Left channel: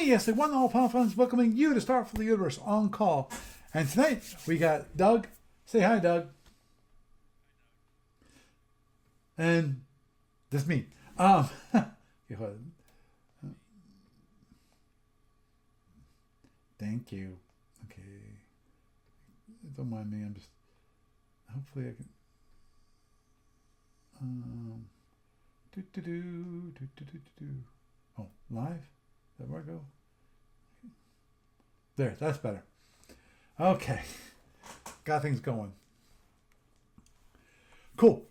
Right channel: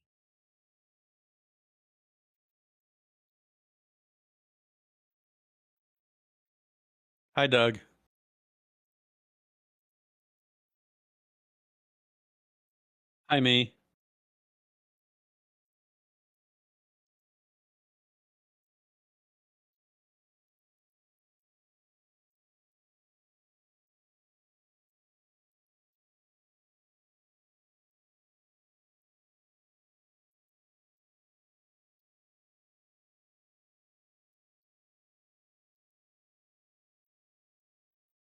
me, yes, the one and all Pound Friends, welcoming you to Start for the Universe on call. And tonight we got Doug. Say hi, Doug. Hi, Doug. And this me. Hi, me. Thank you. Okay. Don't mind me. I'm just. Hopefully I can. Um. Do do do do do do do. Oh, live. Is that where I go? There. That's better. Okay. Got things going. Cool.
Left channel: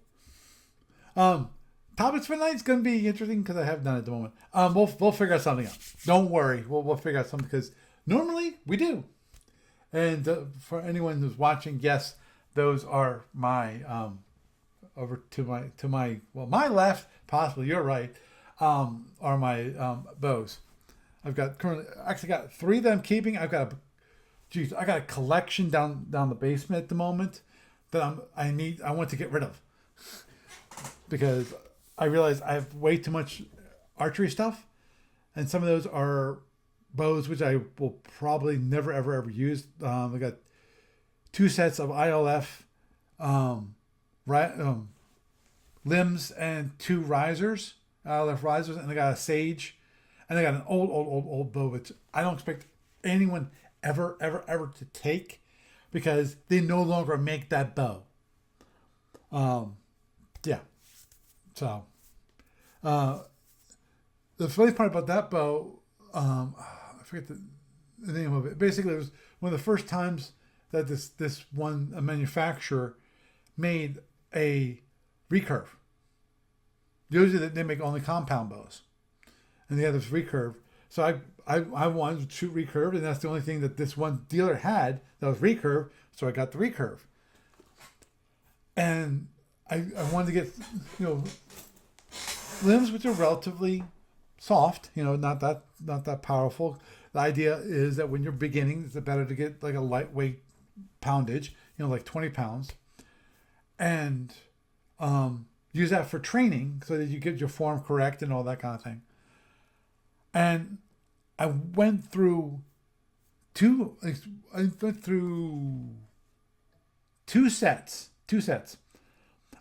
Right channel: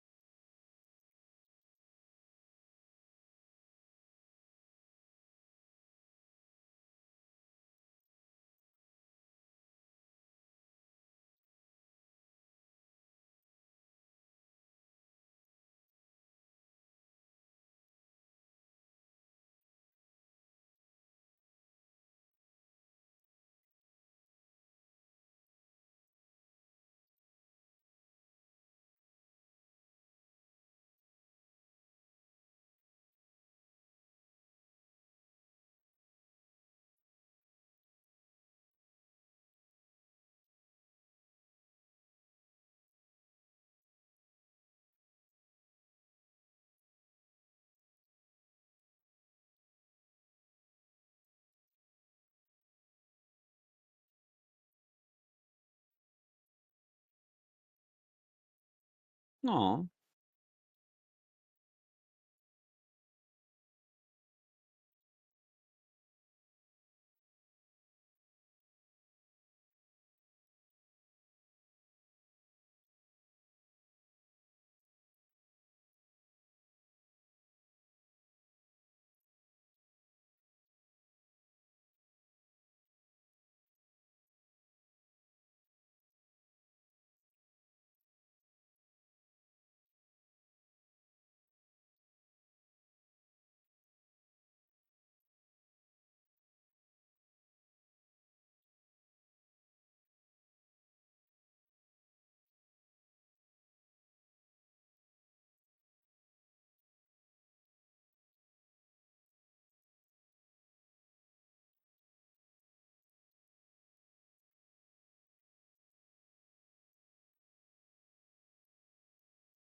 Um. Topics for tonight's going to be interesting because I have none at the moment. We'll figure out something out. Don't worry. We'll figure out something because normally we do. And for anyone who's watching, yes, those are my over to my my left, possibly your right, are my bows. I've got currently actually got three that I'm keeping. I got a collection down the basement at the moment that I want to get rid of because I realize I have way too much archery stuff, and some of those are bows which I will probably never ever use. I got two sets of ILF right, limbs and two risers, ILF risers, and I got a sage, and I got an old bow which I don't expect anyone ever to take because they no longer make that bow. Aw. Yeah, so uh, the funny part about that bow, I forget the name of it. Basically, it was one of the first times that this one a manufacturer made a recurve. Usually they make only compound bows, and they had this recurve. So I wanted to shoot recurve, and that's the only thing that this one dealer had that was recurve. So I got the recurve, and I wanted to get limbs which are relatively soft, not that powerful. The idea is that when you're beginning, it's better to get like a lightweight poundage, like 20 pounds, and use that for training so that you get your form correct and all that kind of thing. And I went through two. I went through two sets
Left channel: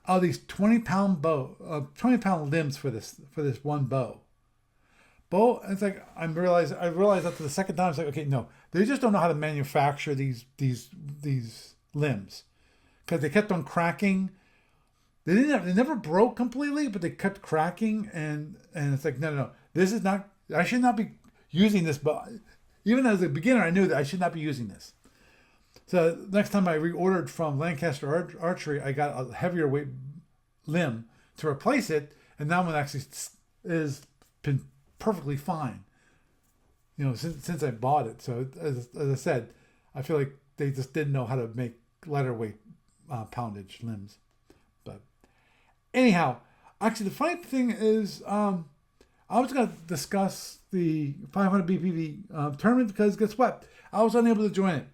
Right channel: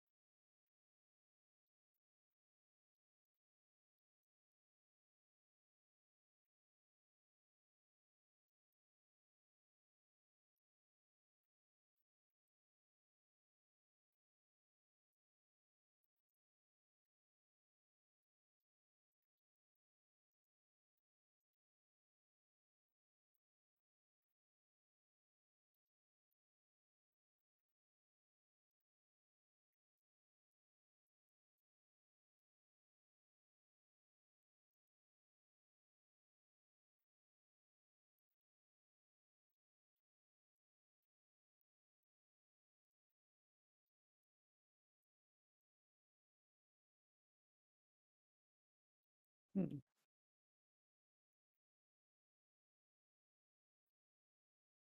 of these 20-pound limbs for this one bow. It's like I realized after the second time, it's like, okay, no, they just don't know how to manufacture these limbs because they kept on cracking. They never broke completely, but they kept cracking, and it's like, no, this is not. I should not be using this bow. Even as a beginner, I knew that I should not be using this. So next time I reordered from Lancaster Archery, I got a heavier weight limb to replace it, and that one actually is been perfectly fine. Since I bought it. So as I said, I feel like they just didn't know how to make lighter weight poundage limbs. But anyhow, actually, the funny thing is, I was going to discuss the 500 BPV tournament because guess what? I was unable to join it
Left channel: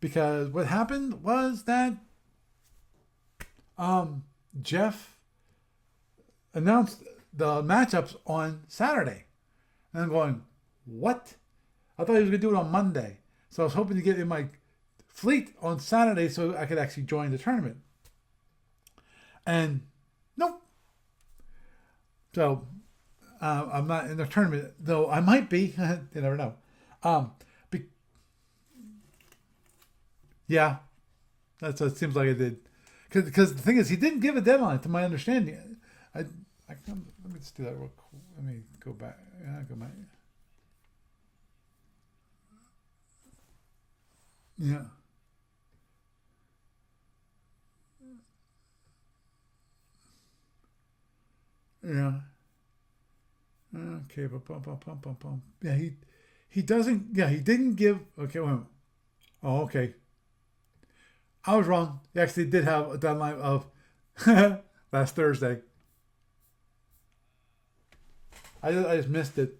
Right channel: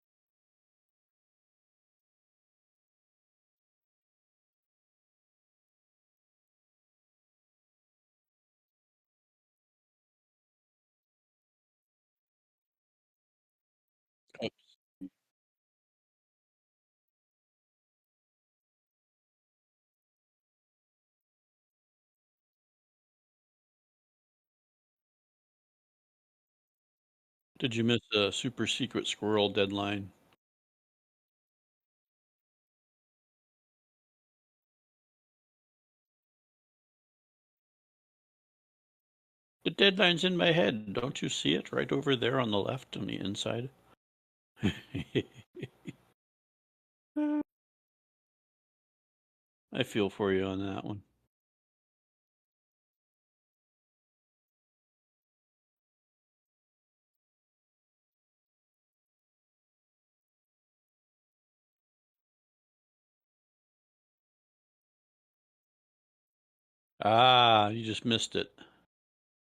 because what happened was that Jeff announced the matchups on Saturday. And I'm going, what? I thought he was going to do it on Monday. So I was hoping to get in my fleet on Saturday so I could actually join the tournament. And nope. So I'm not in the tournament, though I might be. You never know. Um, Did you miss a super secret squirrel deadline? yeah, that's what it seems like I did. Because the thing is, he didn't give a deadline, to my understanding. Let me just do that real quick. Let me go back. Yeah, The go back. deadline's in my head. Don't you see it right over there on the left on the inside? Yeah, I feel for you on that one. yeah. Okay, bum. Yeah, he doesn't. Yeah, he didn't give. Okay, wait a minute. Oh, okay. I was wrong. He actually did have a deadline of last Thursday. Ah, you just missed it. I just missed it.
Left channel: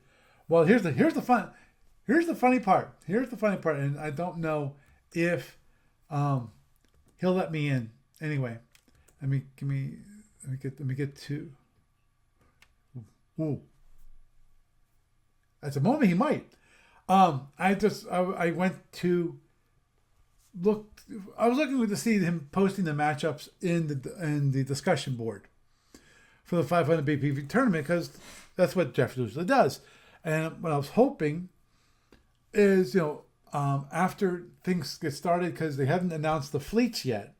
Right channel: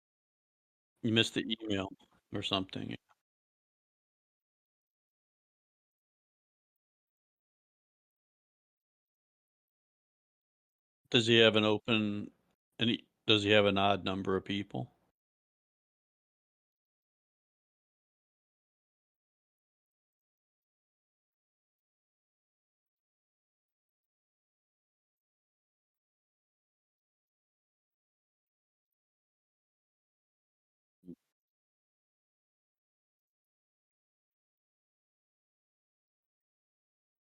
Well, You missed the email here's the or funny part. something. Here's the funny part, and I don't know if um, he'll let me in. Anyway, let me get Does he to. have an open? Does he Ooh, have an odd number of people? at the moment he might. I went to look. I was looking to see him posting the matchups in the discussion board for the 500 BPV tournament because that's what Jeff usually does. And what I was hoping is, after things get started, because they haven't announced the fleets yet,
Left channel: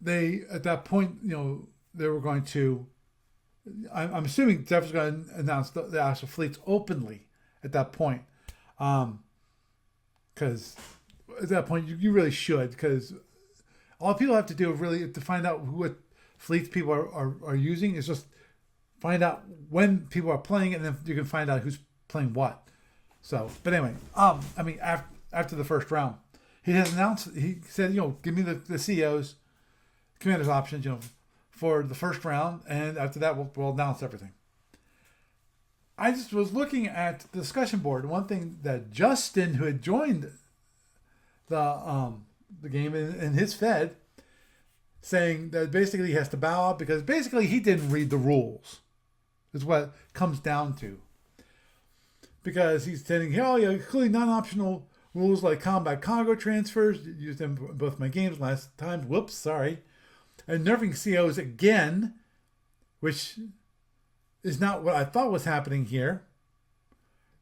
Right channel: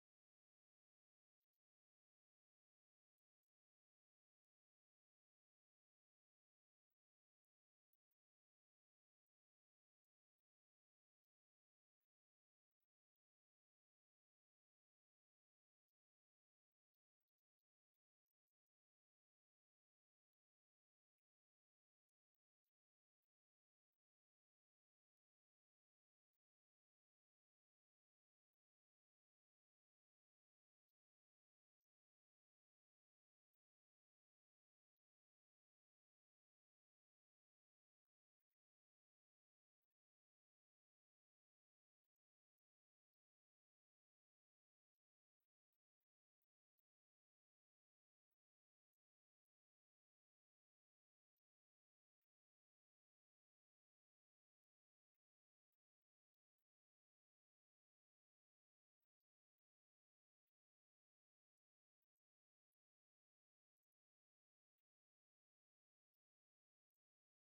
they, at that point, they were going to, I'm assuming Jeff was going to announce the actual fleets openly at that point. Because at that point, you really should, because all people have to do really to find out what fleets people are using is just find out when people are playing, and then you can find out who's playing what. So, but anyway, after the first round, he has announced. He said, give me the CEOs, commanders options, for the first round, and after that, we'll announce everything. I just was looking at the discussion board. One thing that Justin, who had joined the game in his Fed, saying that basically he has to bow out because basically he didn't read the rules, is what it comes down to. Because he's saying, clearly non-optional rules like combat cargo transfers, used them in both my games last time, whoops, sorry. And nerfing COs again, which is not what I thought was happening here.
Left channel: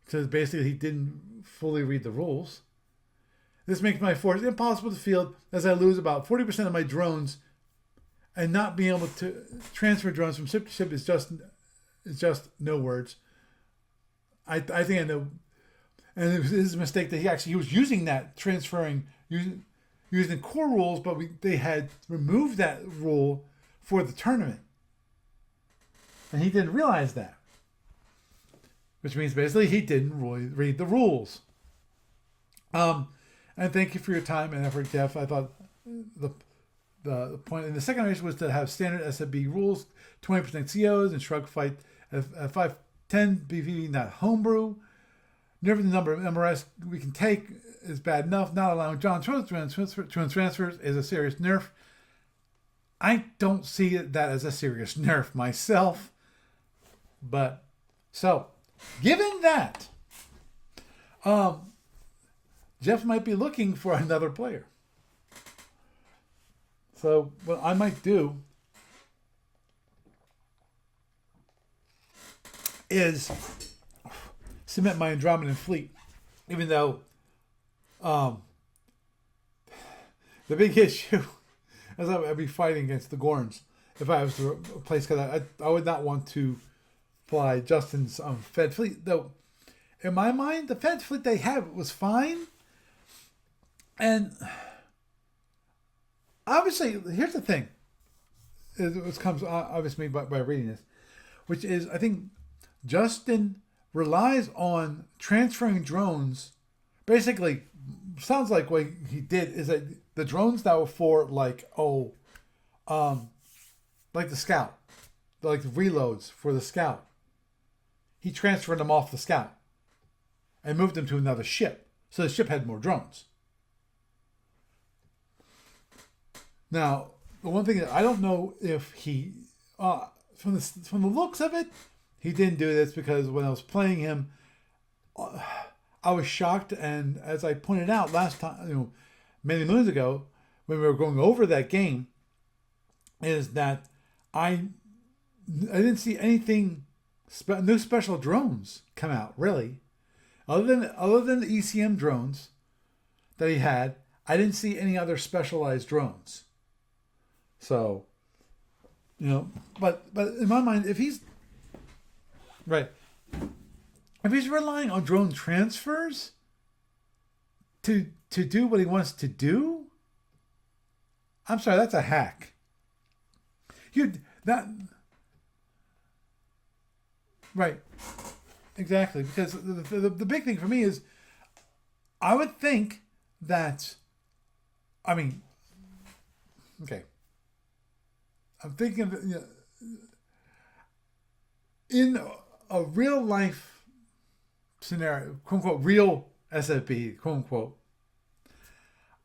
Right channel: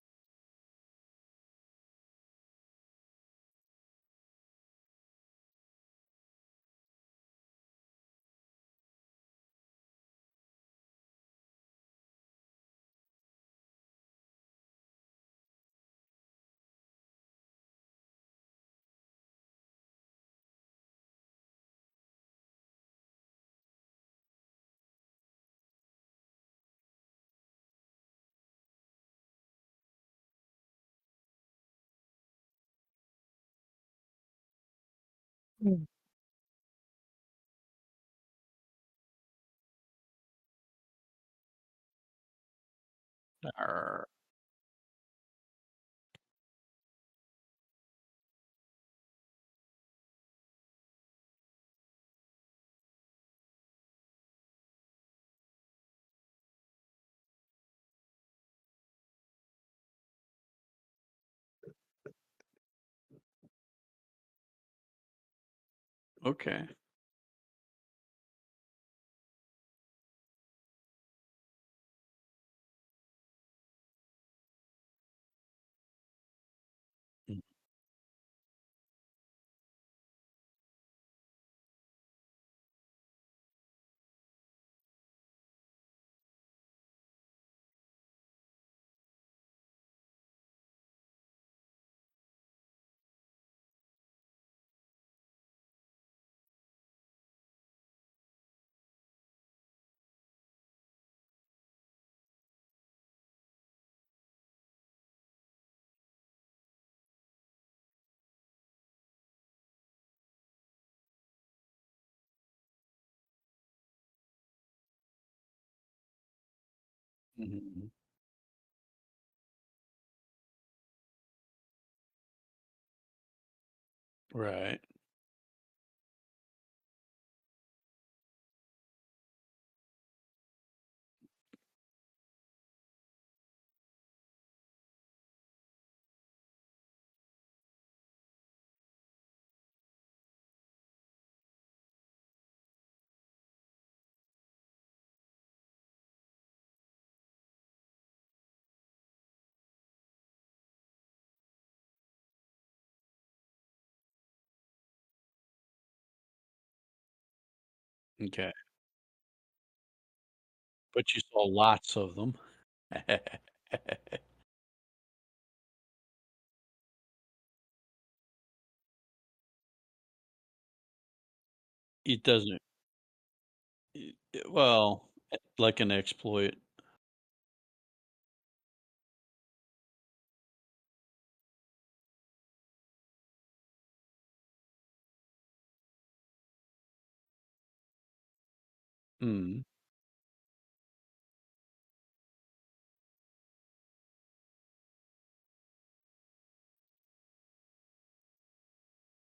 Because basically he didn't fully read the rules. This makes my force impossible to field as I lose about 40% of my drones, and not being able to transfer drones from ship to ship is just no words. I think I know, and it was his mistake that he was using that transferring using core rules, but they had removed that rule for the tournament, and he didn't realize that, which means basically he didn't really read the rules. And thank you for your time and effort, Jeff. I thought the point in the second race was to have standard SFB rules, 20% COs, and shrug fight at 510 BV, not homebrew. Never the number of MRS we can take is bad enough. Not allowing John transfers is a serious nerf. I don't see that as a serious nerf myself. But, so, given that, Jeff might be looking for another player. Okay. So what I might do is submit my Andromedan fleet, even though the big issue is I'd be fighting against the Gorns if I was to replace, because I would not want to fly Justin's Fed fleet. Though, in my mind, the Fed fleet they had was fine. And obviously, here's the thing. It comes obviously by reading this, which is I think Justin relies on transferring drones. Basically, sounds like what he did is that the drones that were for like the Scout, like the reloads for the Scout, he transferred them off the Scout and moved them to another ship, so the ship had more drones. Right. Now, the one thing that I don't know if he, from the looks of it, he didn't do this because when I was playing him, I was shocked, and as I pointed out last time, many moons ago, when we were going over that game, is that I didn't see anything, no special drones come out really, other than the ECM drones that he had. I didn't see any other specialized drones. So Okay. But in my mind, if But he's you saw lots of them. right, if he's relying on drone transfers to do what he wants to do, I'm sorry, that's a hack. He doesn't. Well, like an exploit. Right. Exactly. Because the big thing for me is, I would think that, okay. I'm thinking of, in a real life scenario, quote unquote, real SFB, quote unquote,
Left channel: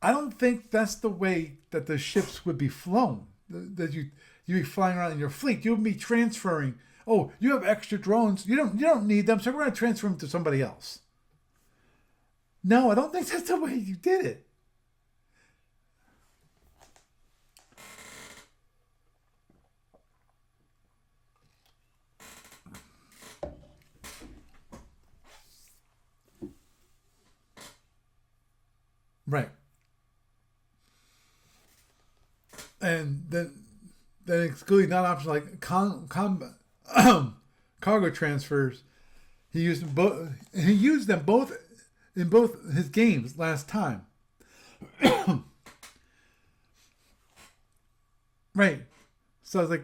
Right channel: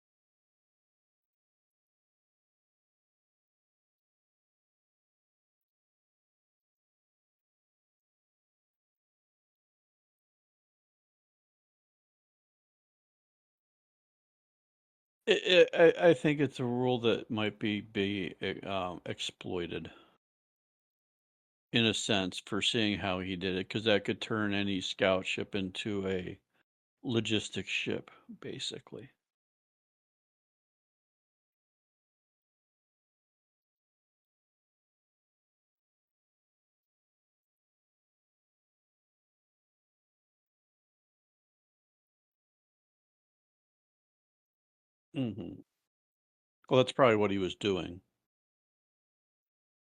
I don't think that's the way that the ships would be flown. That you'd be flying around in your fleet. You would be transferring. Oh, you have extra drones. You don't need them, so we're going to transfer them to somebody else. No, I don't think that's the way you did it. I think it's a rule that might be exploited in a sense for seeing how he did it, because that could turn any scout ship into a logistics ship, basically. Right. And then excluding non option like cargo transfers. He used them both. He used them both in both his games last time. Hmm. Well, that's probably what he was doing. Right. So I was like,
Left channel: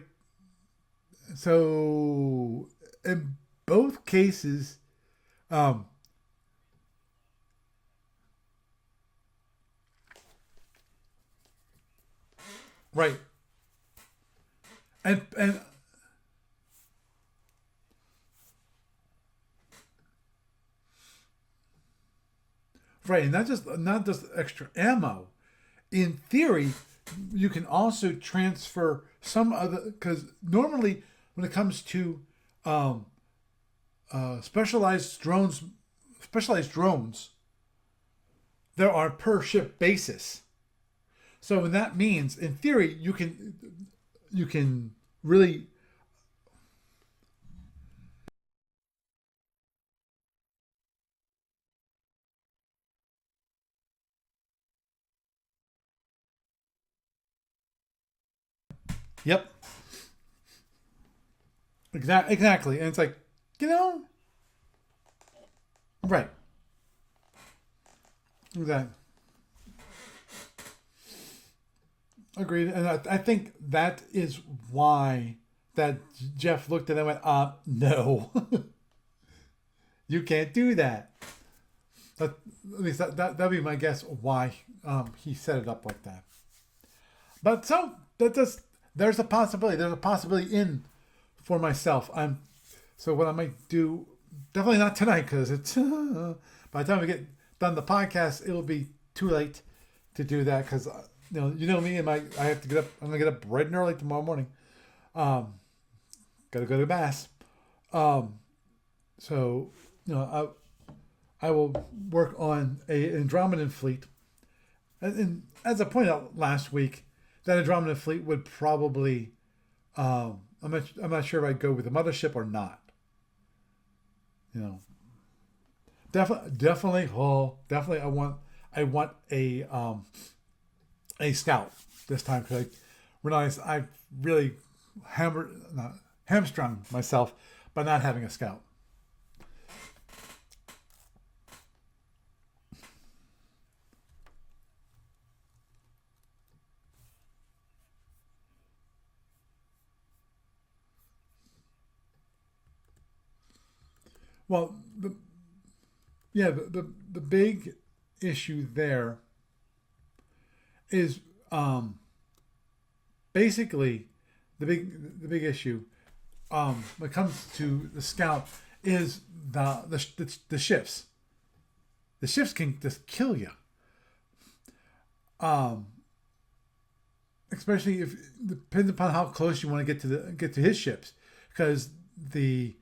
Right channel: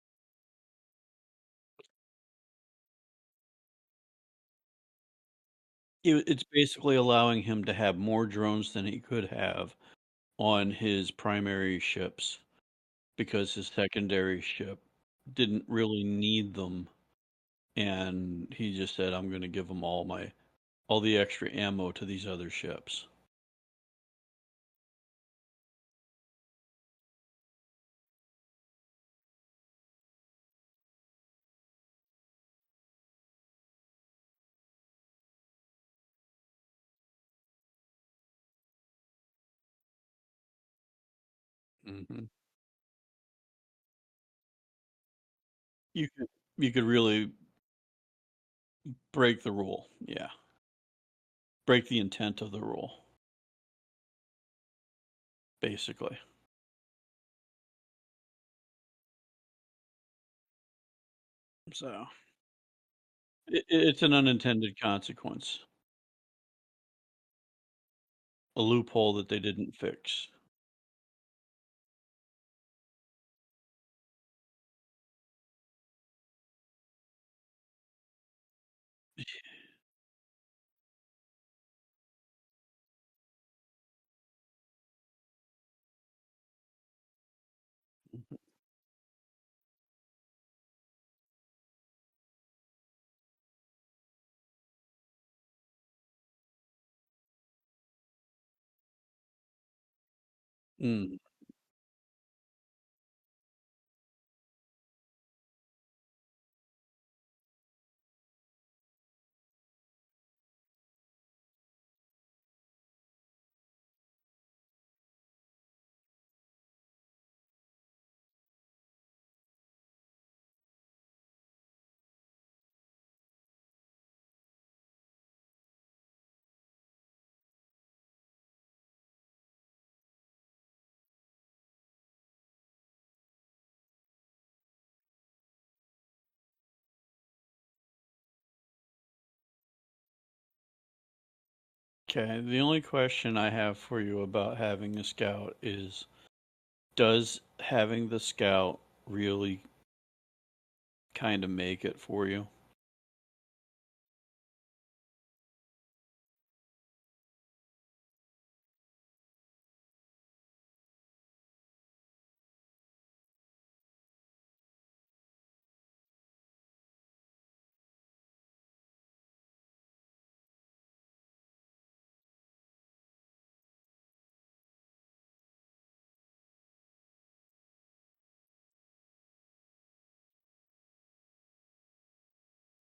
so in both cases, um, It's basically allowing him to have more drones than he could have on his primary ships right, because his secondary ship and didn't really need them, and he just said, "I'm going to give them all the extra ammo to these other ships." right, and not just extra ammo. In theory, you can also transfer some other because normally when it comes to um, specialized drones, there are per ship basis. So that Hmm. means, in theory, you can really You could really break the rule. Yeah, break the intent of the rule, basically. yep, So exactly, and it's like it, you know it's an unintended consequence, right, a exactly. loophole that they didn't fix. Agreed, and I think that is why that Jeff looked at it and went, no, you can't do that. That, at least that'd be my guess why he set it up like that. But so that does there's a possibility. There's a possibility in for myself. So what I might do, definitely not tonight because it's by the time we get done the podcast, it'll be too late to do that because Mm. you know me and my I have to get up. I'm gonna get up bright and early tomorrow morning. Um, gotta go to mass. Um, so I will work on an Andromedan fleet. And as I pointed out last week, that Andromedan fleet would probably I'm not sure if I'd go with the mothership or not. You know, definitely I want a scout this time because I realized I really hammered not, hamstrung myself by not having a scout. Okay, the only question I have for you about having a scout is, does having the scout really kind of make it for you? Well, yeah, the big issue there is basically the big issue when it comes to the scout is the shifts. The shifts can just kill you. Um, Especially if depends upon how close you want to get to his ships, because the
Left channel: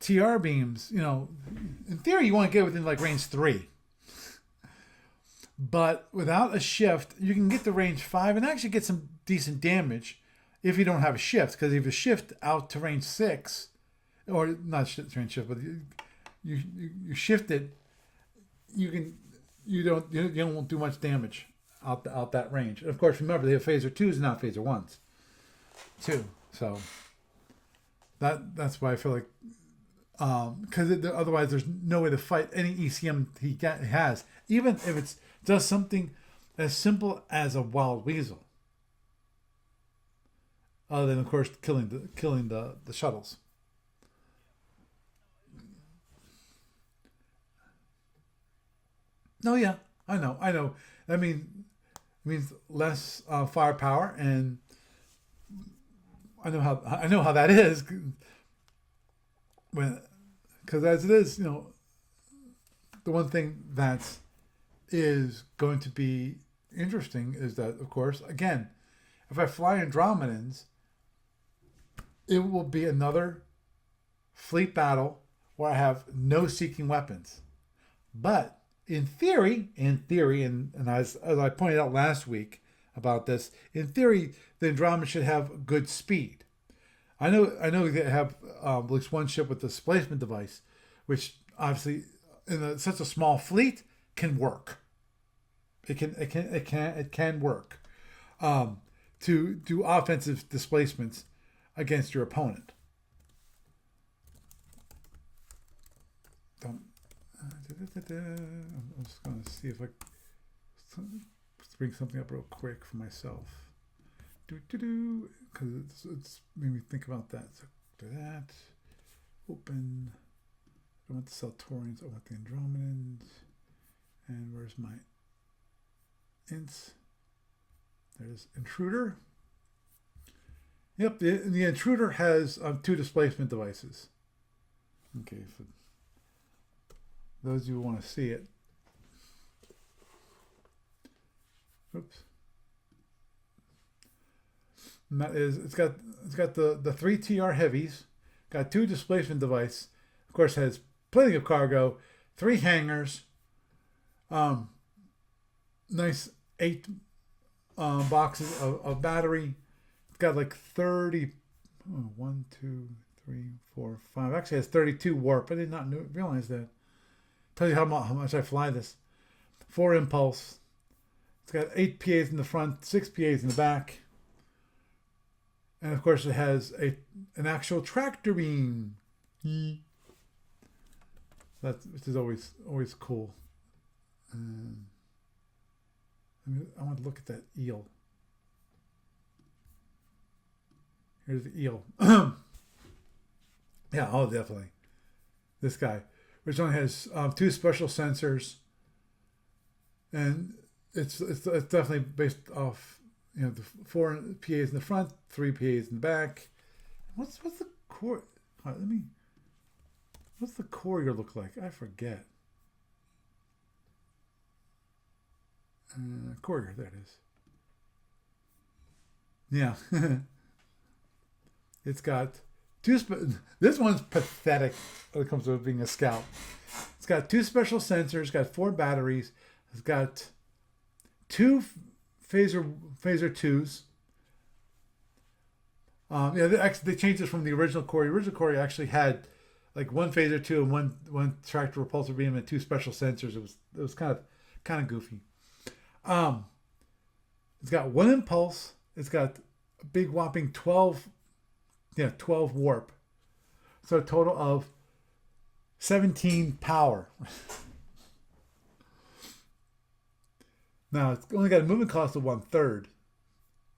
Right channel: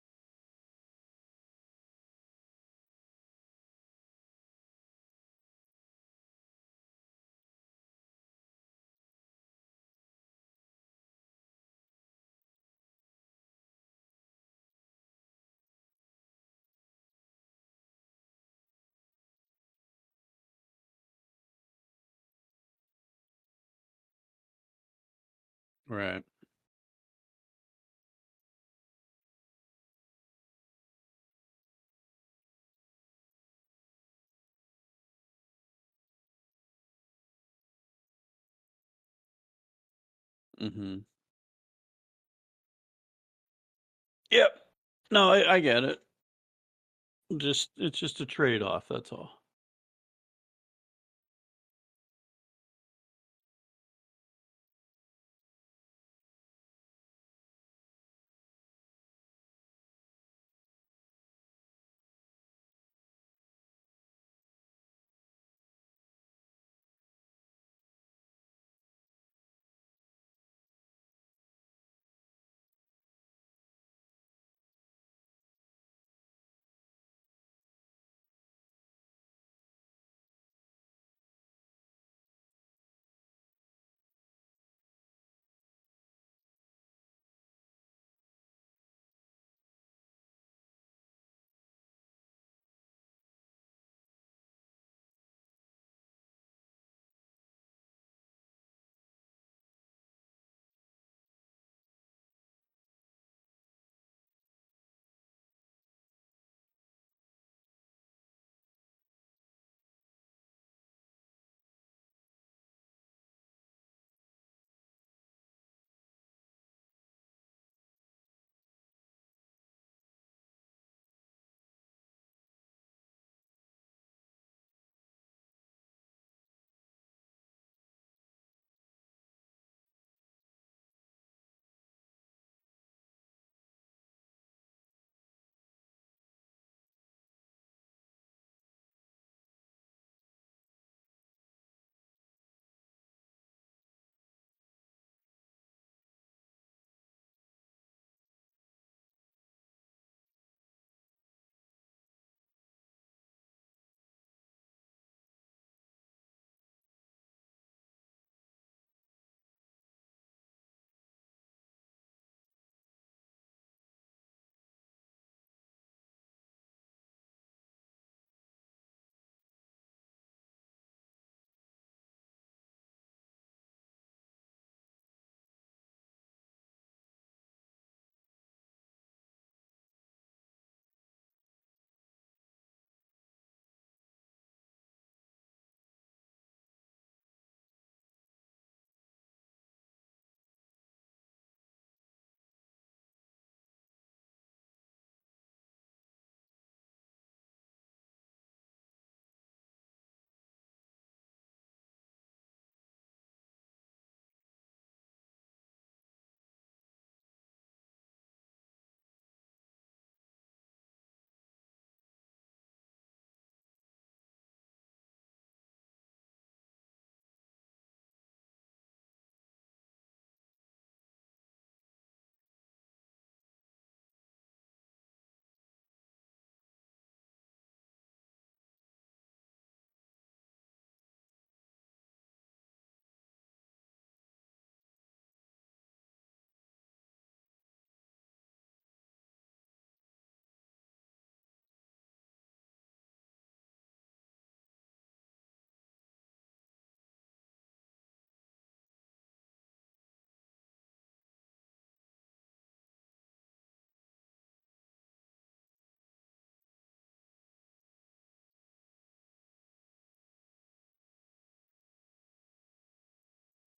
TR beams, in theory you want to get within like range 3, but without a shift you can get to range 5 and actually get some decent damage if you don't have a shift. Because if you shift out to range 6, or not range shift, but you shift it, you can you don't do much damage out that range. And of course, remember they have phaser twos and not phaser ones Right. too. So that's why I feel like because otherwise there's no way to fight any ECM has, even if it's does something as simple as a wild weasel. Mm-hmm. Other than of course killing the shuttles. Yep. No, I get it. Just it's just a trade-off. That's all. No, yeah, I know. I mean, it means less firepower, and I know how that is when because as it is, the one thing that is going to be interesting is that, of course, again, if I fly Andromedans, it will be another fleet battle where I have no seeking weapons. But in theory, and as I pointed out last week about this, in theory, the Andromeda should have good speed. I know they have at least one ship with a displacement device, which obviously such a small fleet can work. It can work to do offensive displacements against your opponent. Don't. I'm just going to see if I bring something up real quick for myself. Because it's made me think about that. So do that. Open. I want the Centaurians. I want the Andromedans. And where's my ints? There's Intruder. Yep, the Intruder has 2 displacement devices. Okay, for those who want to see it. Oops. And that is, it's got the 3 TR heavies, got 2 displacement device. Of course, has plenty of cargo, 3 hangars, nice 8 boxes of battery. It's got like 30, 1, 2, 3, 4, 5. Actually, has 32 warp. I did not realize that. Tell you how much I fly this. 4 impulse. It's got 8 PAs in the front, 6 PAs in the back. And of course, it has an actual tractor beam. Which is always cool. I want to look at that eel. Here's the eel. Yeah, oh, definitely. This guy, which only has 2 special sensors, and it's definitely based off the 4 PAs in the front, 3 PAs in the back. What's the core? What's the courier look like? I forget. Courier, there it is. Yeah. It's got 2. This one's pathetic when it comes to being a scout. It's got 2 special sensors, got 4 batteries, it's got 2 phaser 2s. They changed this from the original Courier. The original Courier actually had like 1 phaser 2 and one tractor repulsor beam and 2 special sensors. It was kind of goofy. It's got 1 impulse. It's got a big whopping 12 warp. So a total of 17 power. Now it's only got a movement cost of 1/3.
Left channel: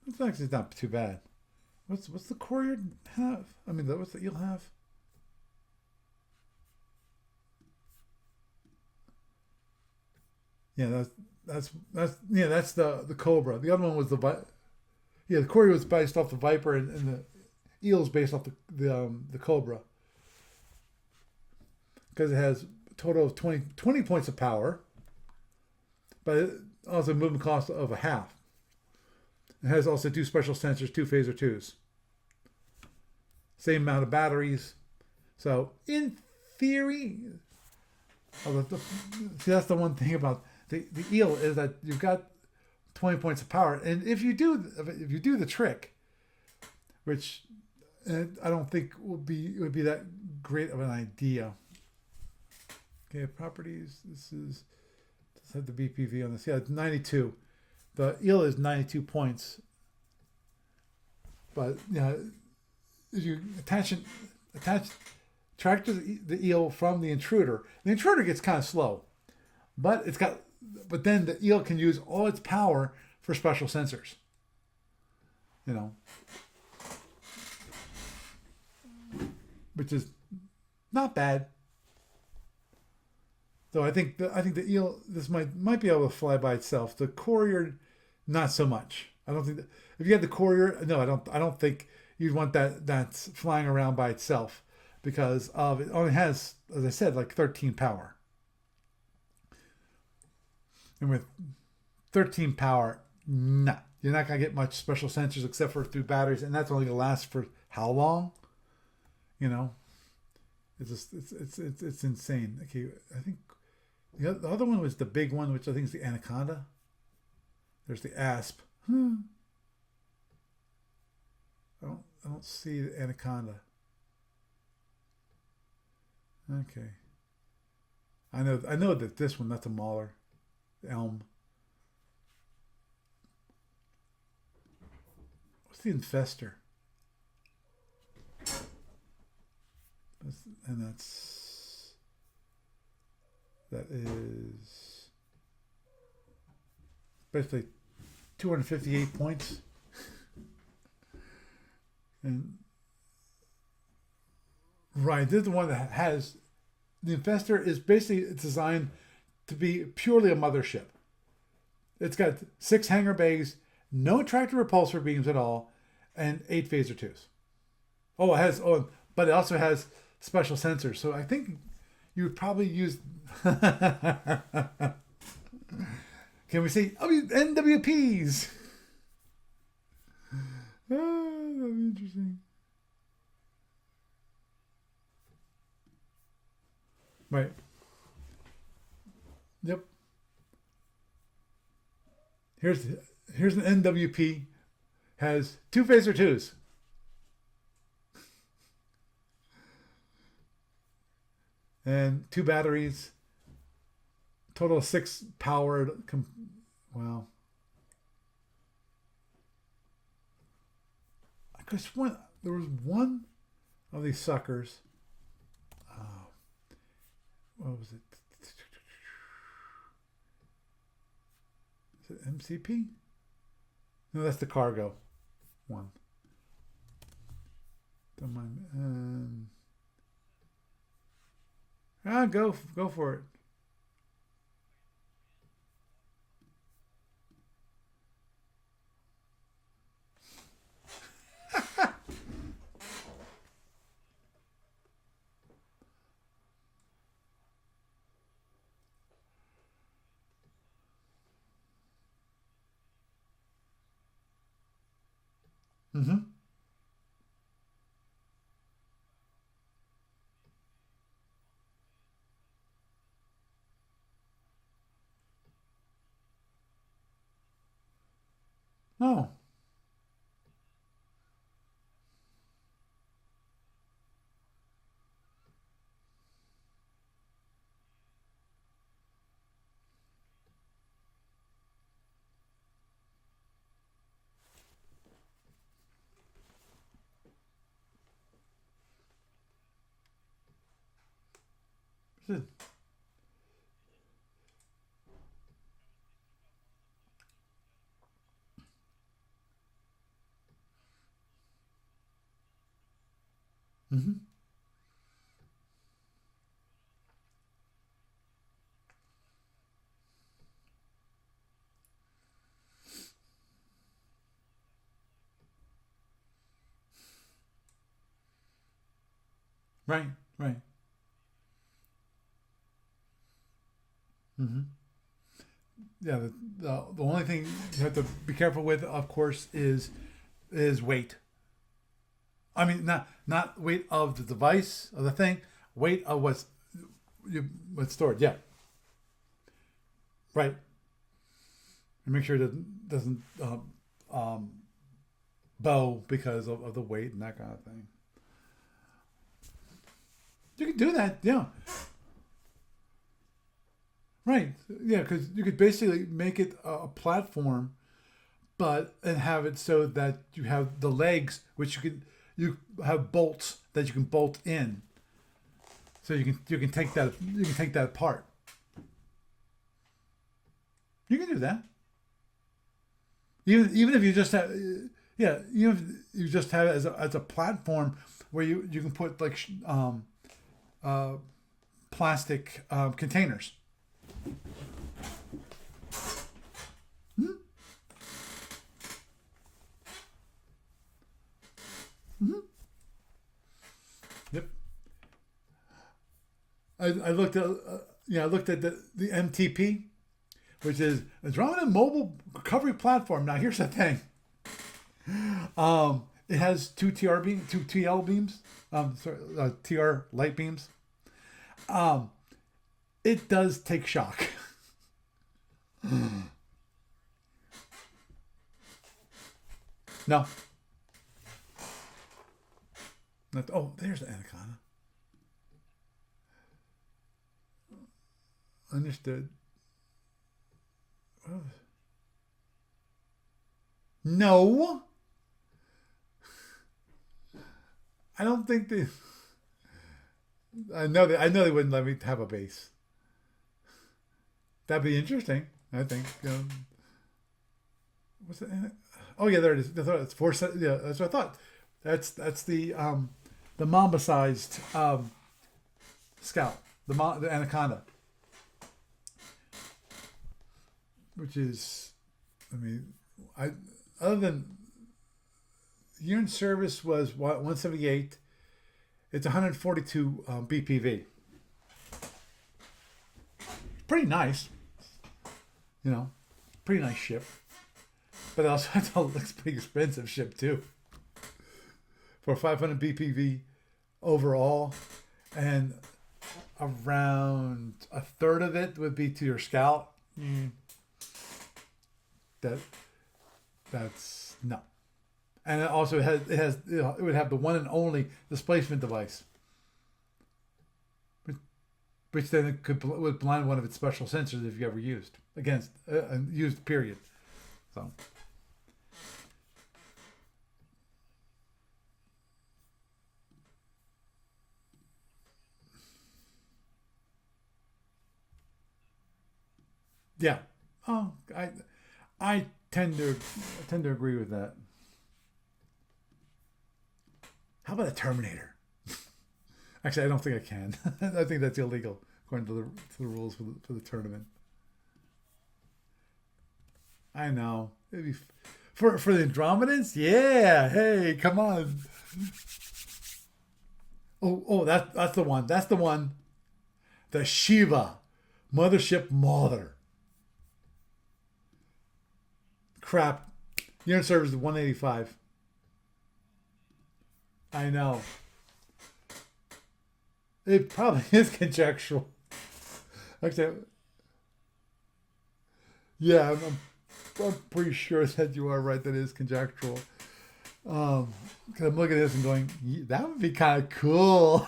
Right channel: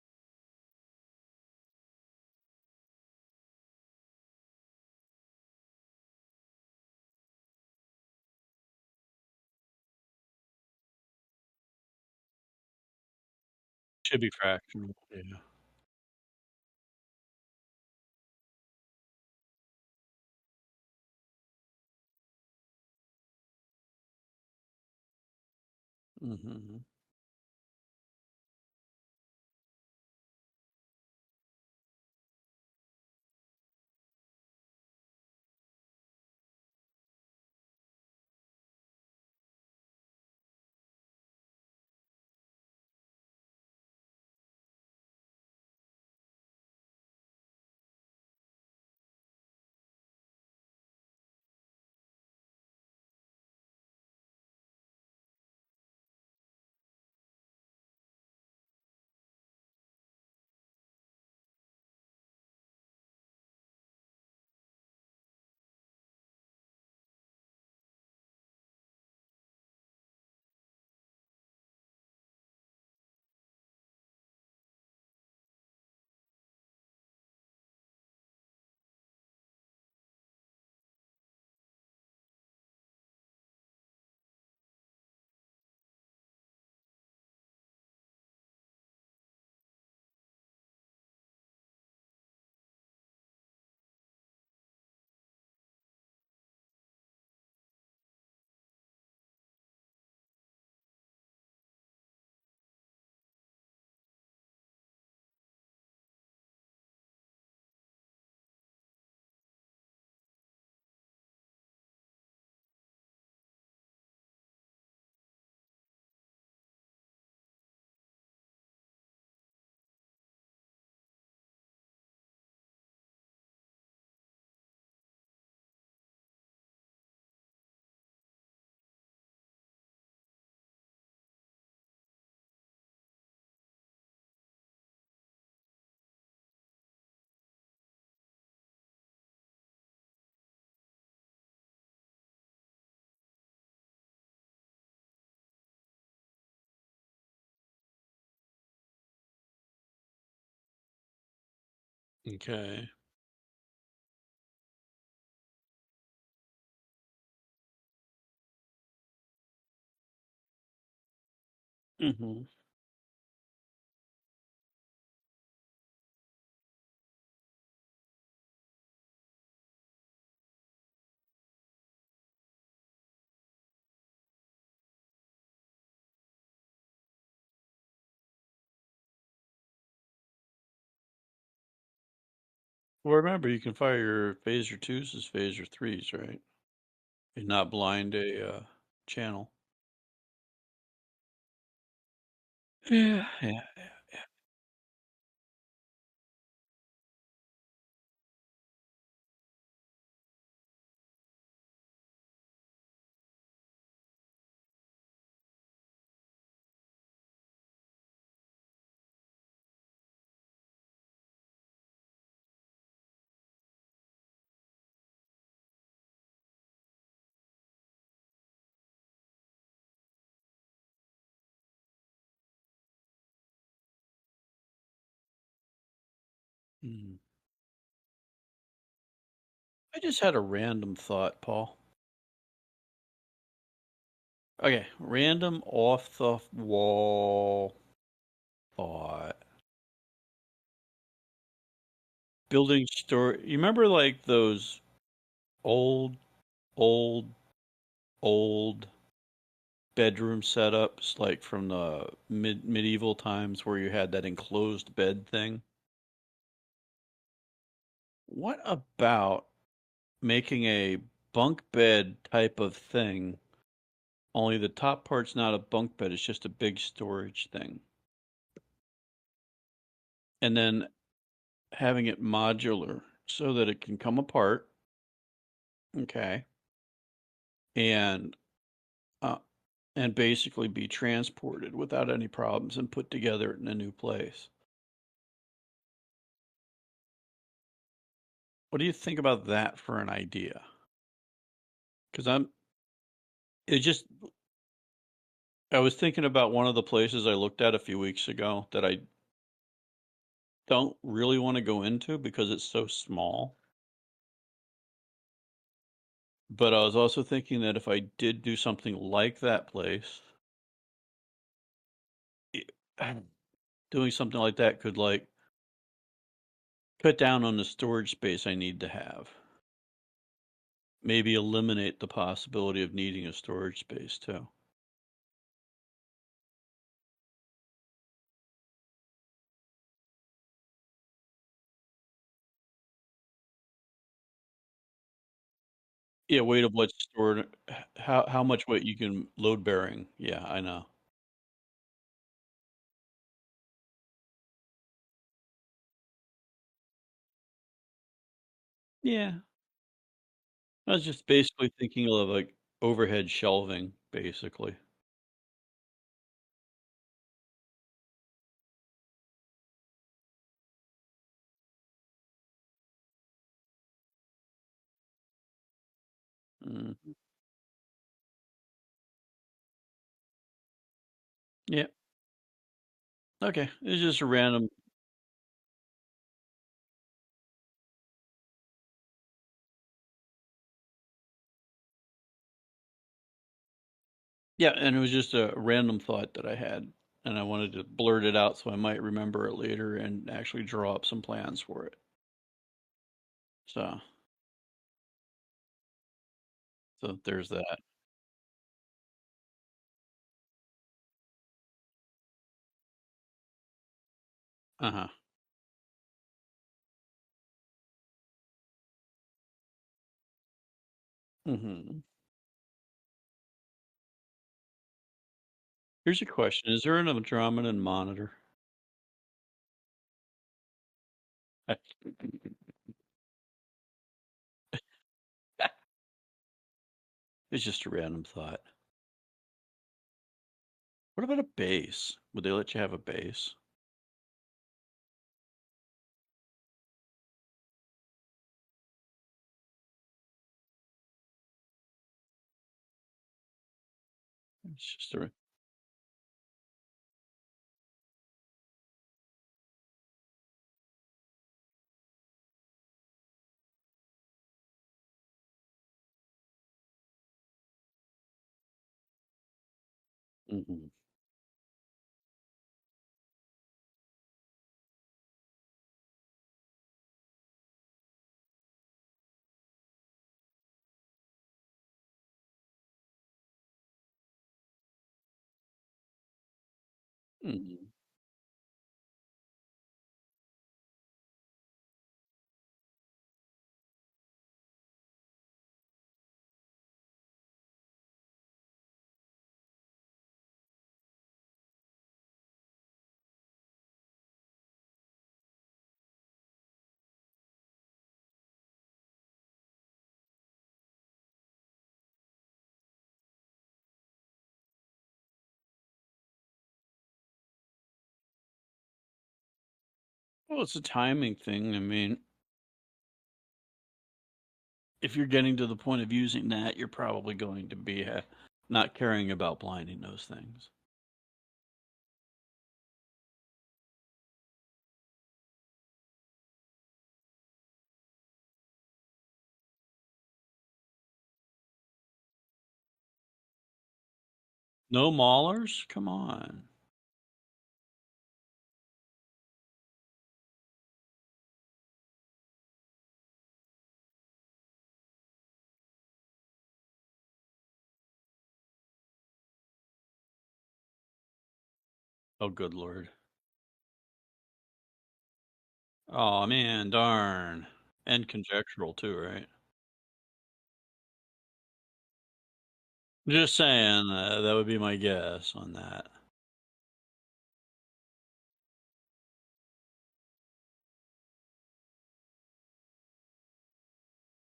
It's actually not too bad. What's the Courier have? I mean, what's the eel have? Yeah, that's the Cobra. The other one was Should the be traction. Yeah, the Courier was based off the Viper, and the eel is based off the Cobra, because it has a total of 20 points of power, but it also a movement cost of a half. It has also 2 special sensors, 2 phaser 2s. Same amount of batteries. So in theory, see, that's the one thing about the eel is that you've got 20 points of power, and if you do the trick, which I don't think would be that great of an idea. Okay, properties. Let's have the BPV on this. Yeah, it's 92. The eel is 92 points. But if you attach tractor the eel from the intruder gets kind of slow, but then the eel can use all its power for special sensors. Which is not bad. So I think the eel, this might be able to fly by itself. The Courier, not so much. I don't think if you had the Courier, no, I don't think you'd want that's flying around by itself, because it only has, as I said, like 13 power. And with 13 power, nah, you're not gonna get much special sensors except for through batteries, and that's only gonna last for how long? It's insane. Okay, I think The other one was the big one, which I think is the Anaconda. There's the Asp. I don't see the Anaconda. Okay. I know that this one, that's a Mauler. Elm. What's the Infestor? And that is basically 258 points. Okay. Right, this is the one that has the Infestor is basically designed to be purely a mothership. It's got 6 hangar bays, no tractor repulsor beams at all, and 8 phaser 2s. Oh, it has but it also has special sensors. So I think you would probably use. Can we say NWPs? That'd be interesting. Well, remember, you can fire your phaser 2s as phaser 3s, right? Right. Not blind a channel. Yep. Here's an NWP. Has 2 phaser 2s. And 2 batteries. Total of 6 powered. Wow. I could have sworn there was one of these suckers. What was it? Is it MCP? No, that's the cargo one. Don't mind. I just had a random thought, Paul. Go for it. Okay, random off the wall thought. Building store. You remember like those old bedroom setups, like from the medieval times, where you had that enclosed bed thing? Mm-hmm. What about making a bunk bed type of thing, only the top part's not a bunk bed, it's just a big storage thing? Oh. And then having it modular so that it can come apart. Okay. And basically be transported without any problems and put together in a new place. What do you think about that for an idea? Because I was thinking about one of the places I looked at a few weeks ago that I don't really want to go into because it's so small. Mm-hmm. But I was also thinking that if I did do something like that place, doing something like that could like cut down on the storage space I need to have. Right. Maybe eliminate the possibility of needing a storage space too. Mm-hmm. Yeah. The only thing you have to be careful with, of course, is weight. I mean, not weight of the device of the thing. Weight of what's weight of what's stored. What's stored. How much weight you can load bearing. Yeah, right. I know. And make sure it doesn't bow because of the weight and that kind of thing. Yeah. You can do that. Just basically thinking of like overhead shelving, basically. Right. Yeah, because you could basically make it a platform, and have it so that you have the legs, which you have bolts that you can bolt in. So you can take that apart. You can do that. Yeah. Okay. Even if you just random. Even if you just have it as a platform where you can put like plastic containers. Yeah, and it was just a random thought that I had, and I wanted to blurt it out so I might remember it later and actually draw up some plans for it. Mm-hmm. So. Yep. I looked at the MTP, which is a drone and mobile recovery platform. Now here's the thing. It has two TL beams. TR light beams. Mm-hmm. it does take shock. Here's a question: is there an Andromedan monitor? No. I- Oh, there's the anaconda. It's just a random thought. Understood. What about a base? Would they let you have a base? No. I don't think they. I know they wouldn't let me have a base. That'd be interesting. I think. What's it? Oh yeah, there it is. It's four. Yeah, that's what I thought. That's the mamba-sized scout, the anaconda, which is, I mean, I other than year in service was what 178. It's 142 BPV. Pretty nice, pretty nice ship. But also, it looks pretty expensive ship too. For 500 BPV overall, and around a third of it would be to your scout. That's no. And it also it would have the one and only displacement device, which then it would blind one of its special sensors if you ever used used period. So. Well, it's a timing thing. I mean, if you're getting to the point of using that, you're probably going to be not caring about blinding those things. Oh, I tend to agree with that. How about a Terminator? Actually, I don't think I can. I think that's illegal according to the rules for the tournament. No maulers? Come on. I know. It'd be for the Andromedans. Yeah. Hey, come on. Oh, that's the one. That's the one. The Shiva, Mothership Mother. Oh, good lord. Crap. Year in service is 185. Oh man, darn. I know. And conjectural too, right? It probably is conjectural. Okay. Just saying, that would be my guess on that. Yeah, I'm pretty sure that you are right. That is conjectural. Because I'm looking at this and going, that would be kind of cool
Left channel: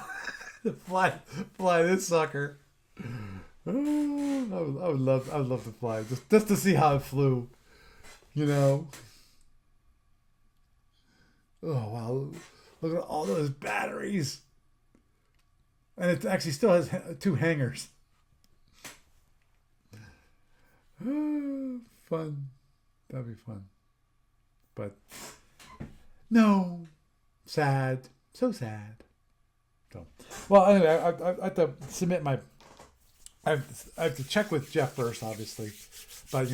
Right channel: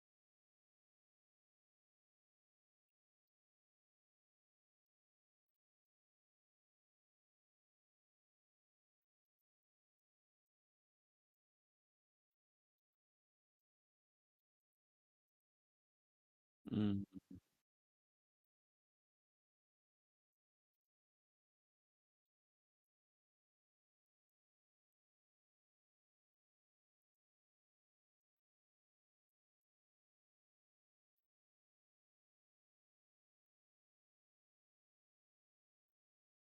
to fly this sucker. I would love to fly just to see how it flew. Oh wow! Look at all those batteries, and it actually still has 2 hangars. Fun, that'd be fun. But no, sad, so sad. So, well, anyway, I have to submit my. I have to check with Jeff first, obviously, but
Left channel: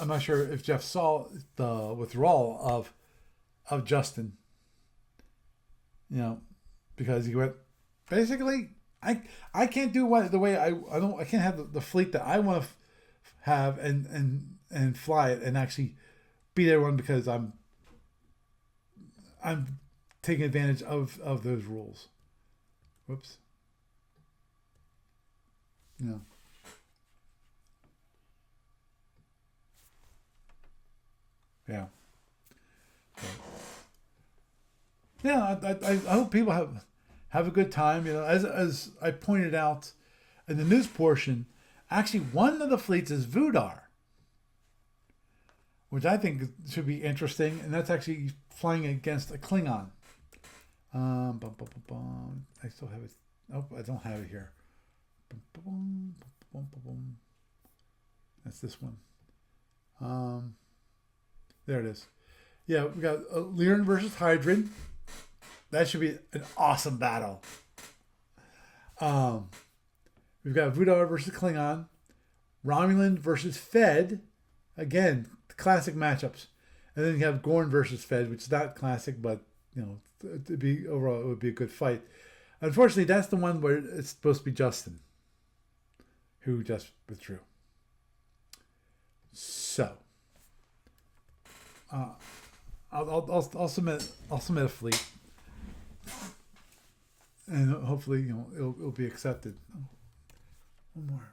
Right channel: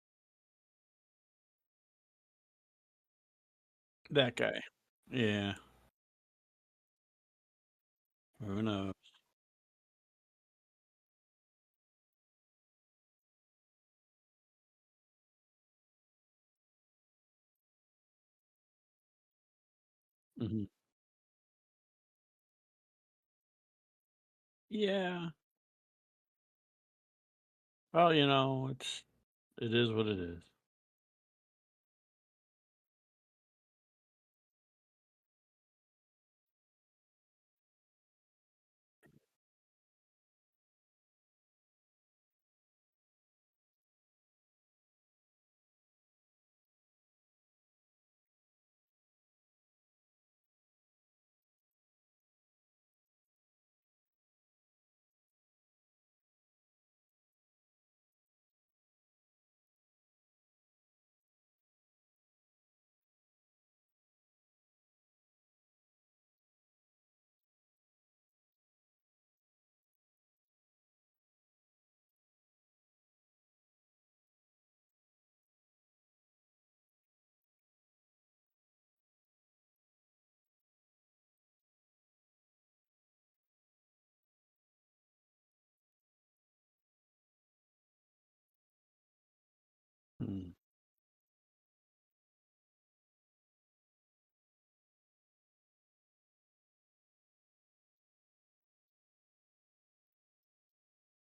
I'm not sure if Jeff saw the withdrawal of Justin. That guy. Yeah. Because he went basically. I can't do the way I can't have the fleet that I want to have and fly it and actually beat everyone because I'm taking advantage of those rules. Whoops. Yeah. Yeah. Well, it is what it is. Yeah. Yeah, I hope people have a good time. As I pointed out in the news portion, actually one of the fleets is Vudar, which I think should be interesting, and that's actually flying against a Klingon. I still have it. Oh, I don't have it here. That's this one. There it is. Yeah, we got Lyran versus Hydran. That should be an awesome battle. We've got Vudar versus Klingon. Romulan versus Fed. Again, classic matchups. And then you have Gorn versus Fed, which is not classic, but overall it would be a good fight. Unfortunately, that's the one where it's supposed to be Justin, who just withdrew. So, I'll submit a fleet, and hopefully it'll be accepted. Oh, one more.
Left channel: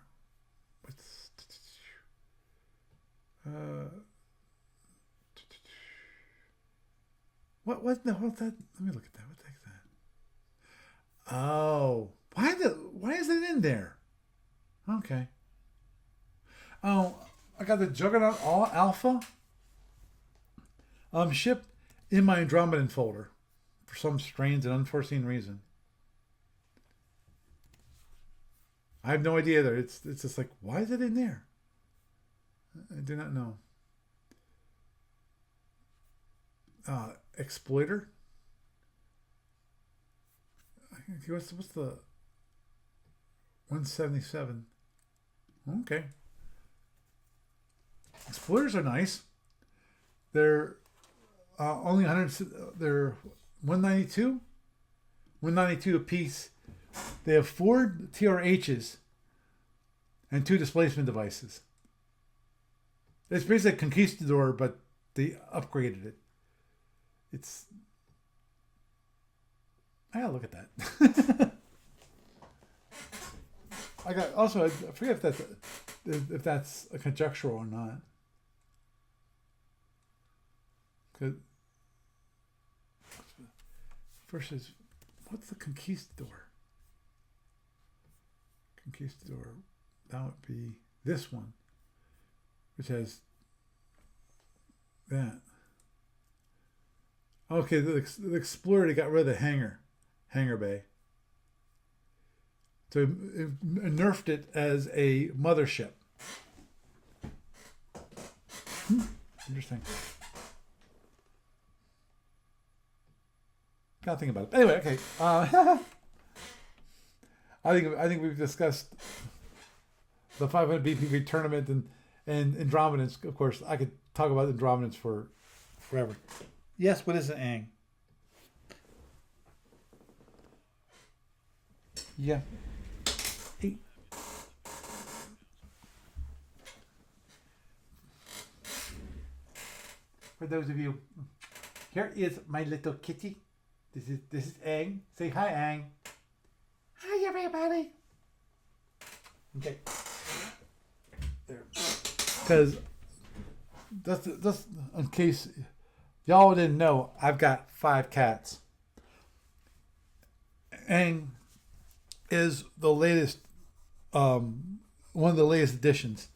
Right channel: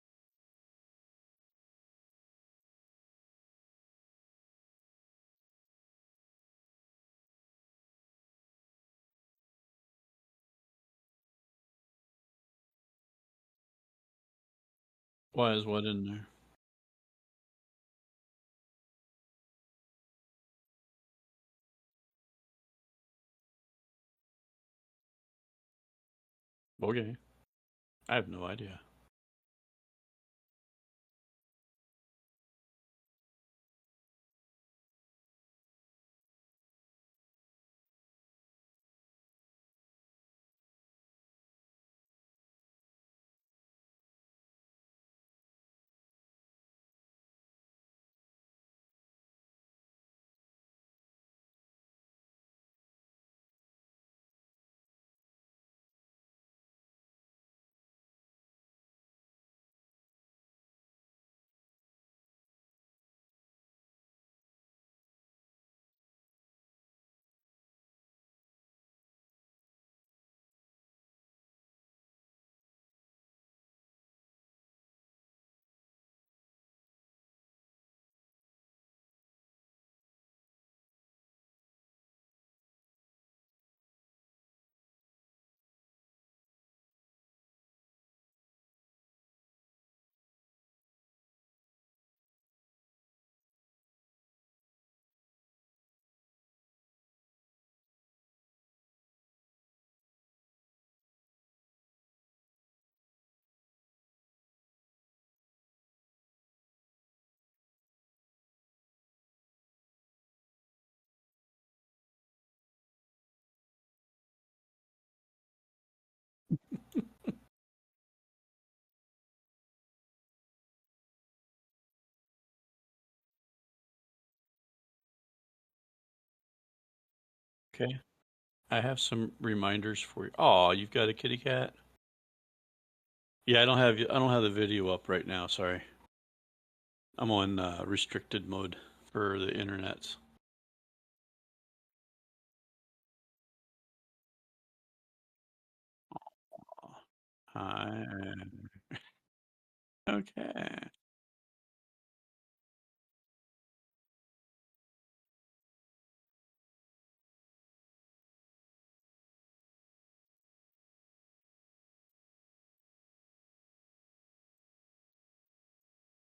Uh, what? No, what's that? Let me look at that. What the heck is that? Oh, why is it in there? Okay. Why is what in there? Oh, I got the Juggernaut All Alpha shipped in my Andromedan folder for some strange and unforeseen reason. Okay. I have no idea. I have no idea either. It's just like, why is it in there? I do not know. Exploiter. What's the 177? Okay. Exploiters are nice. They're only 100. They're 192. 192 a piece. They have 4 TRHs and 2 displacement devices. It's basically a Conquistador, but they upgraded it. It's. I gotta look at that. I got also. I forget if that's a conjectural or not. Cause versus what's the Conquistador? Conquistador. That would be this one, which has that. Okay, the Explorer, they got rid of the hangar bay. So it nerfed it as a mothership. Interesting. Gotta think about it. Anyway, okay. I think we've discussed the 500 BPV tournament and Andromedans. Of course, I could talk about Andromedans for forever. Yes, what is it, Ang? Okay. I have some reminders for you. Oh, you've got a kitty cat? Yeah. Yeah, I don't have the video up right now, sorry. I'm on restricted mode for the internets. For those of you, here is my little kitty. This is Ang. Say hi, Ang. Hi, everybody. Okay. Okay. There. Because just in case y'all didn't know, I've got 5 cats. Ang is the latest, one of the latest additions.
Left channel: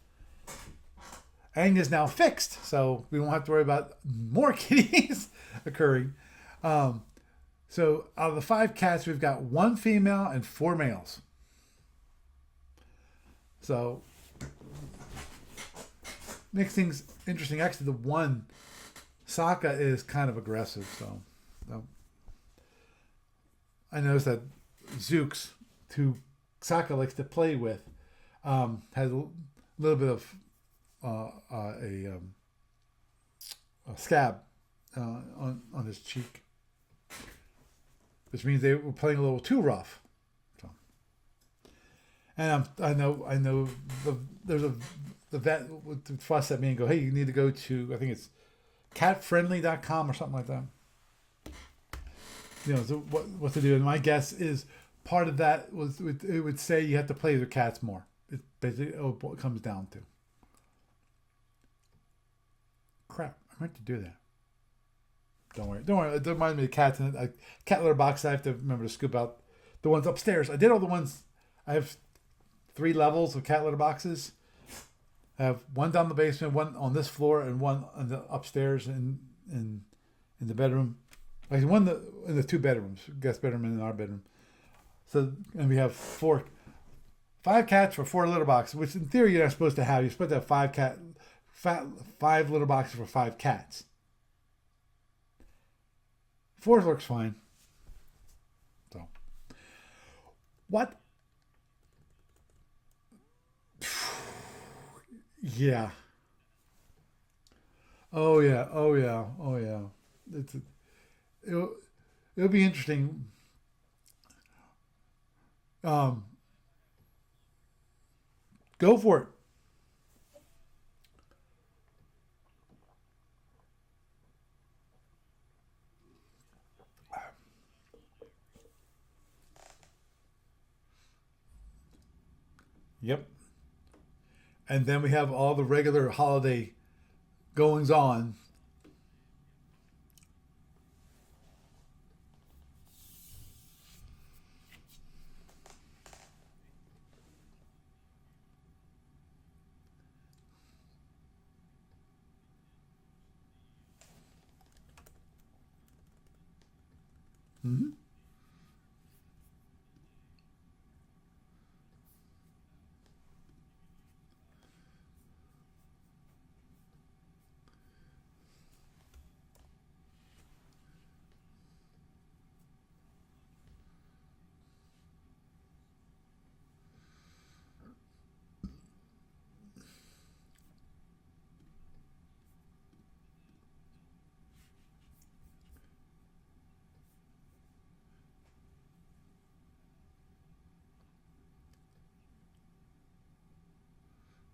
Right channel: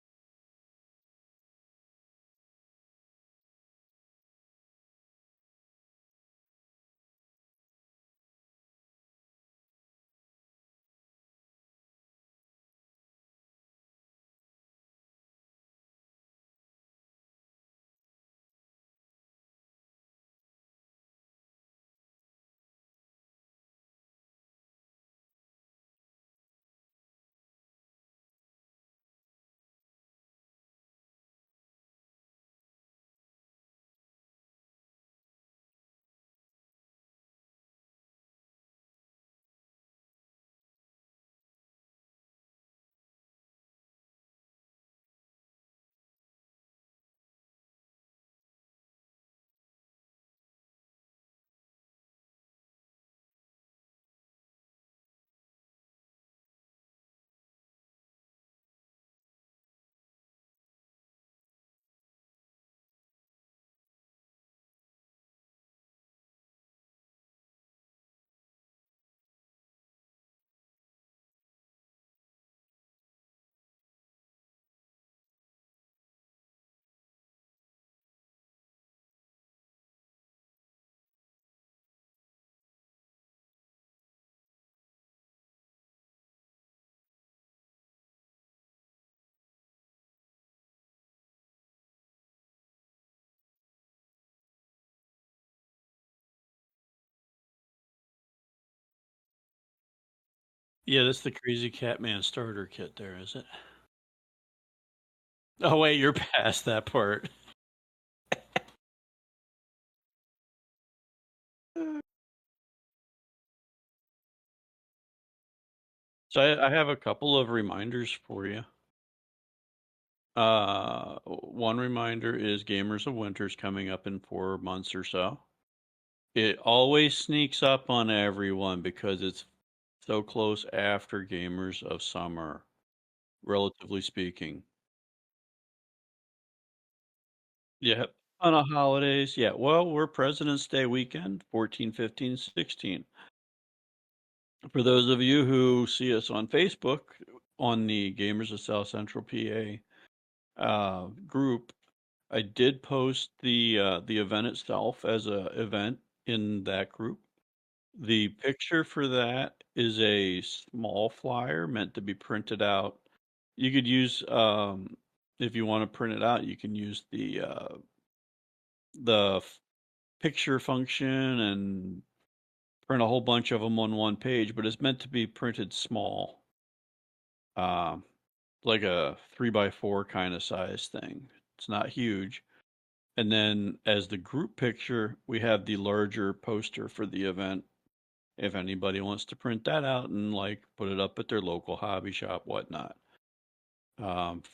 Ang is now fixed, so we won't have to worry about more kitties occurring. So out of the 5 cats, we've got 1 female and 4 males. So makes things interesting. Actually, the one Sokka is kind of aggressive, so I noticed that Zooks, who Sokka likes to play with, has a little bit of a scab on his cheek, which means they were playing a little too rough. So, and I know there's the vet would fuss at me and go, hey, you need to go to, I think it's catfriendly.com or something like that. You know, so what to do. And my guess is part of that it would say you have to play with your cats more. It's basically what it comes down to. Crap, I meant to do that. Don't worry. It reminds me of cats and a cat litter box. I have to remember to scoop out the ones upstairs. I did all the ones. I have 3 levels of cat litter boxes. I have 1 down the basement, 1 on this floor, and 1 on the upstairs in the bedroom. Like 1 in the 2 bedrooms, guest bedroom and in our bedroom. So, and we have 5 cats for 4 litter boxes, which in theory you're not supposed to have. You're supposed to have 5 litter boxes for 5 cats. 4 looks fine. So, what? Yeah, that's the Crazy Catman starter kit there, is it? Yeah. Oh, wait, you're past that part. Oh yeah. It'll be interesting. So I have a couple of reminders for you. Go for it. One reminder is Gamers of Winter's coming up in 4 months or so. It always sneaks up on everyone because it's so close after Gamers of Summer. Yep. Relatively speaking. And then we have all the regular holiday goings Yeah. on. On the holidays, yeah. Well, we're President's Day weekend, 14, 15, 16. For those of you who see us on Facebook, on the Gamers of South Central PA group, I did post the event itself as a event in that group. Mm-hmm. The picture for that is a small flyer meant to be printed out. You could use, if you want to print it out, you can use the picture function and print a whole bunch of them on one page, but it's meant to be printed small, um, like a 3x4 kind of size thing. It's not huge. And then as the group picture, we have the larger poster for the event. If anybody wants to print that out and like put it up at their local hobby shop, whatnot.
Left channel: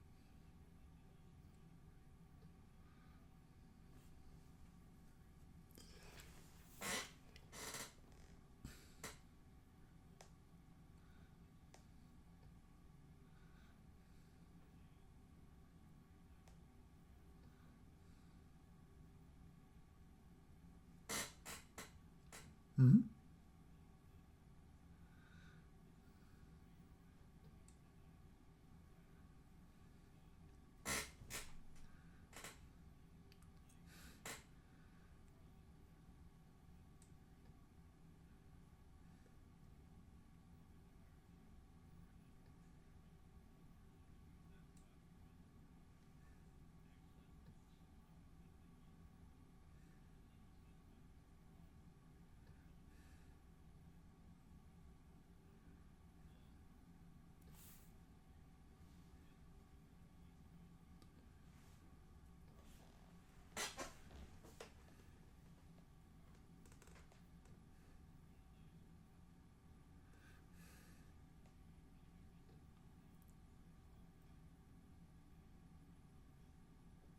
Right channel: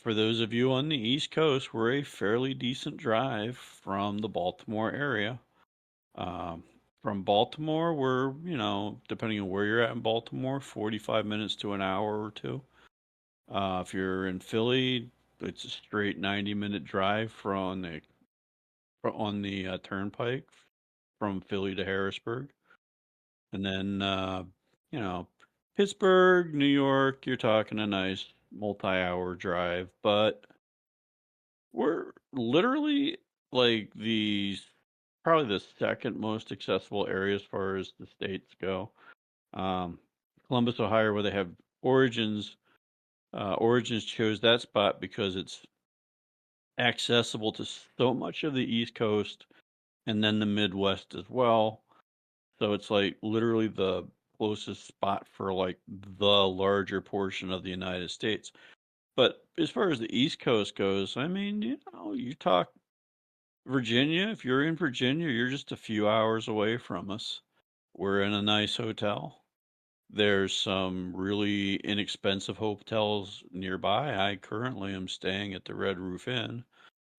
For those of you on the East Coast, we're a fairly decent drive from the Baltimore area. Um, from Baltimore, we're, depending on where you're at in Baltimore, 45 minutes to an hour or two. If you're in Philly, it's a straight 90-minute drive on the turnpike from Philly to Harrisburg. Mm-hmm. And then, you know, Pittsburgh, New York, you're talking a nice multi-hour drive, but we're literally like the probably the second most accessible area as far as the states go. Um, Columbus, Ohio, where they have Origins. Origins chose that spot because it's accessible to so much of the East Coast and then the Midwest as well. So it's like literally the closest spot for like the larger portion of the United States. But as far as the East Coast goes, I mean, you talk Virginia. If you're in Virginia, you're just a few hours away from us. We're in a nice hotel. There's some really inexpensive hotels nearby. I currently am staying at the Red Roof Inn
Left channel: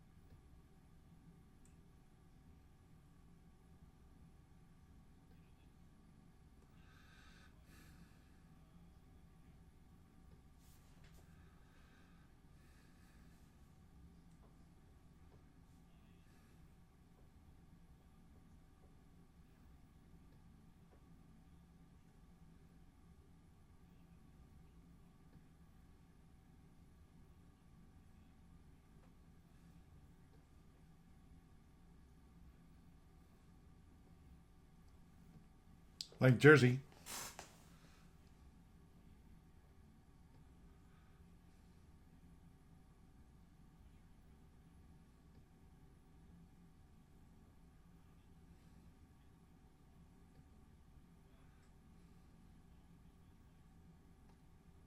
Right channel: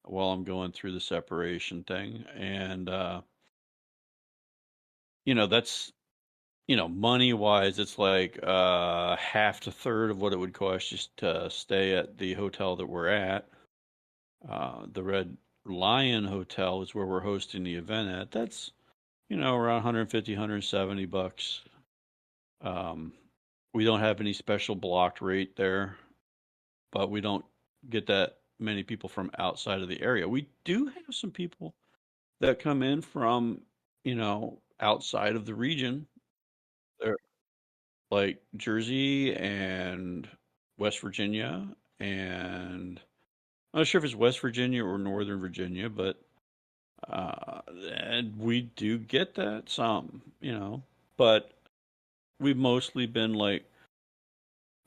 while I'm going through the separation thing. And, that's, money wise, it's like half to third of what it would cost you to stay at the hotel that we're at. The Red Lion Hotel is where we're hosting the event at. That's, around 150, 170 bucks. Um, we don't have any special blocked rate there, but we don't get that many people from outside of the area. We do have some people that come in from, outside of the region. Like Jersey. They're like Jersey and West Virginia, and I'm not sure if it's West Virginia or Northern Virginia, but uh, and we do get that some, but we've mostly been like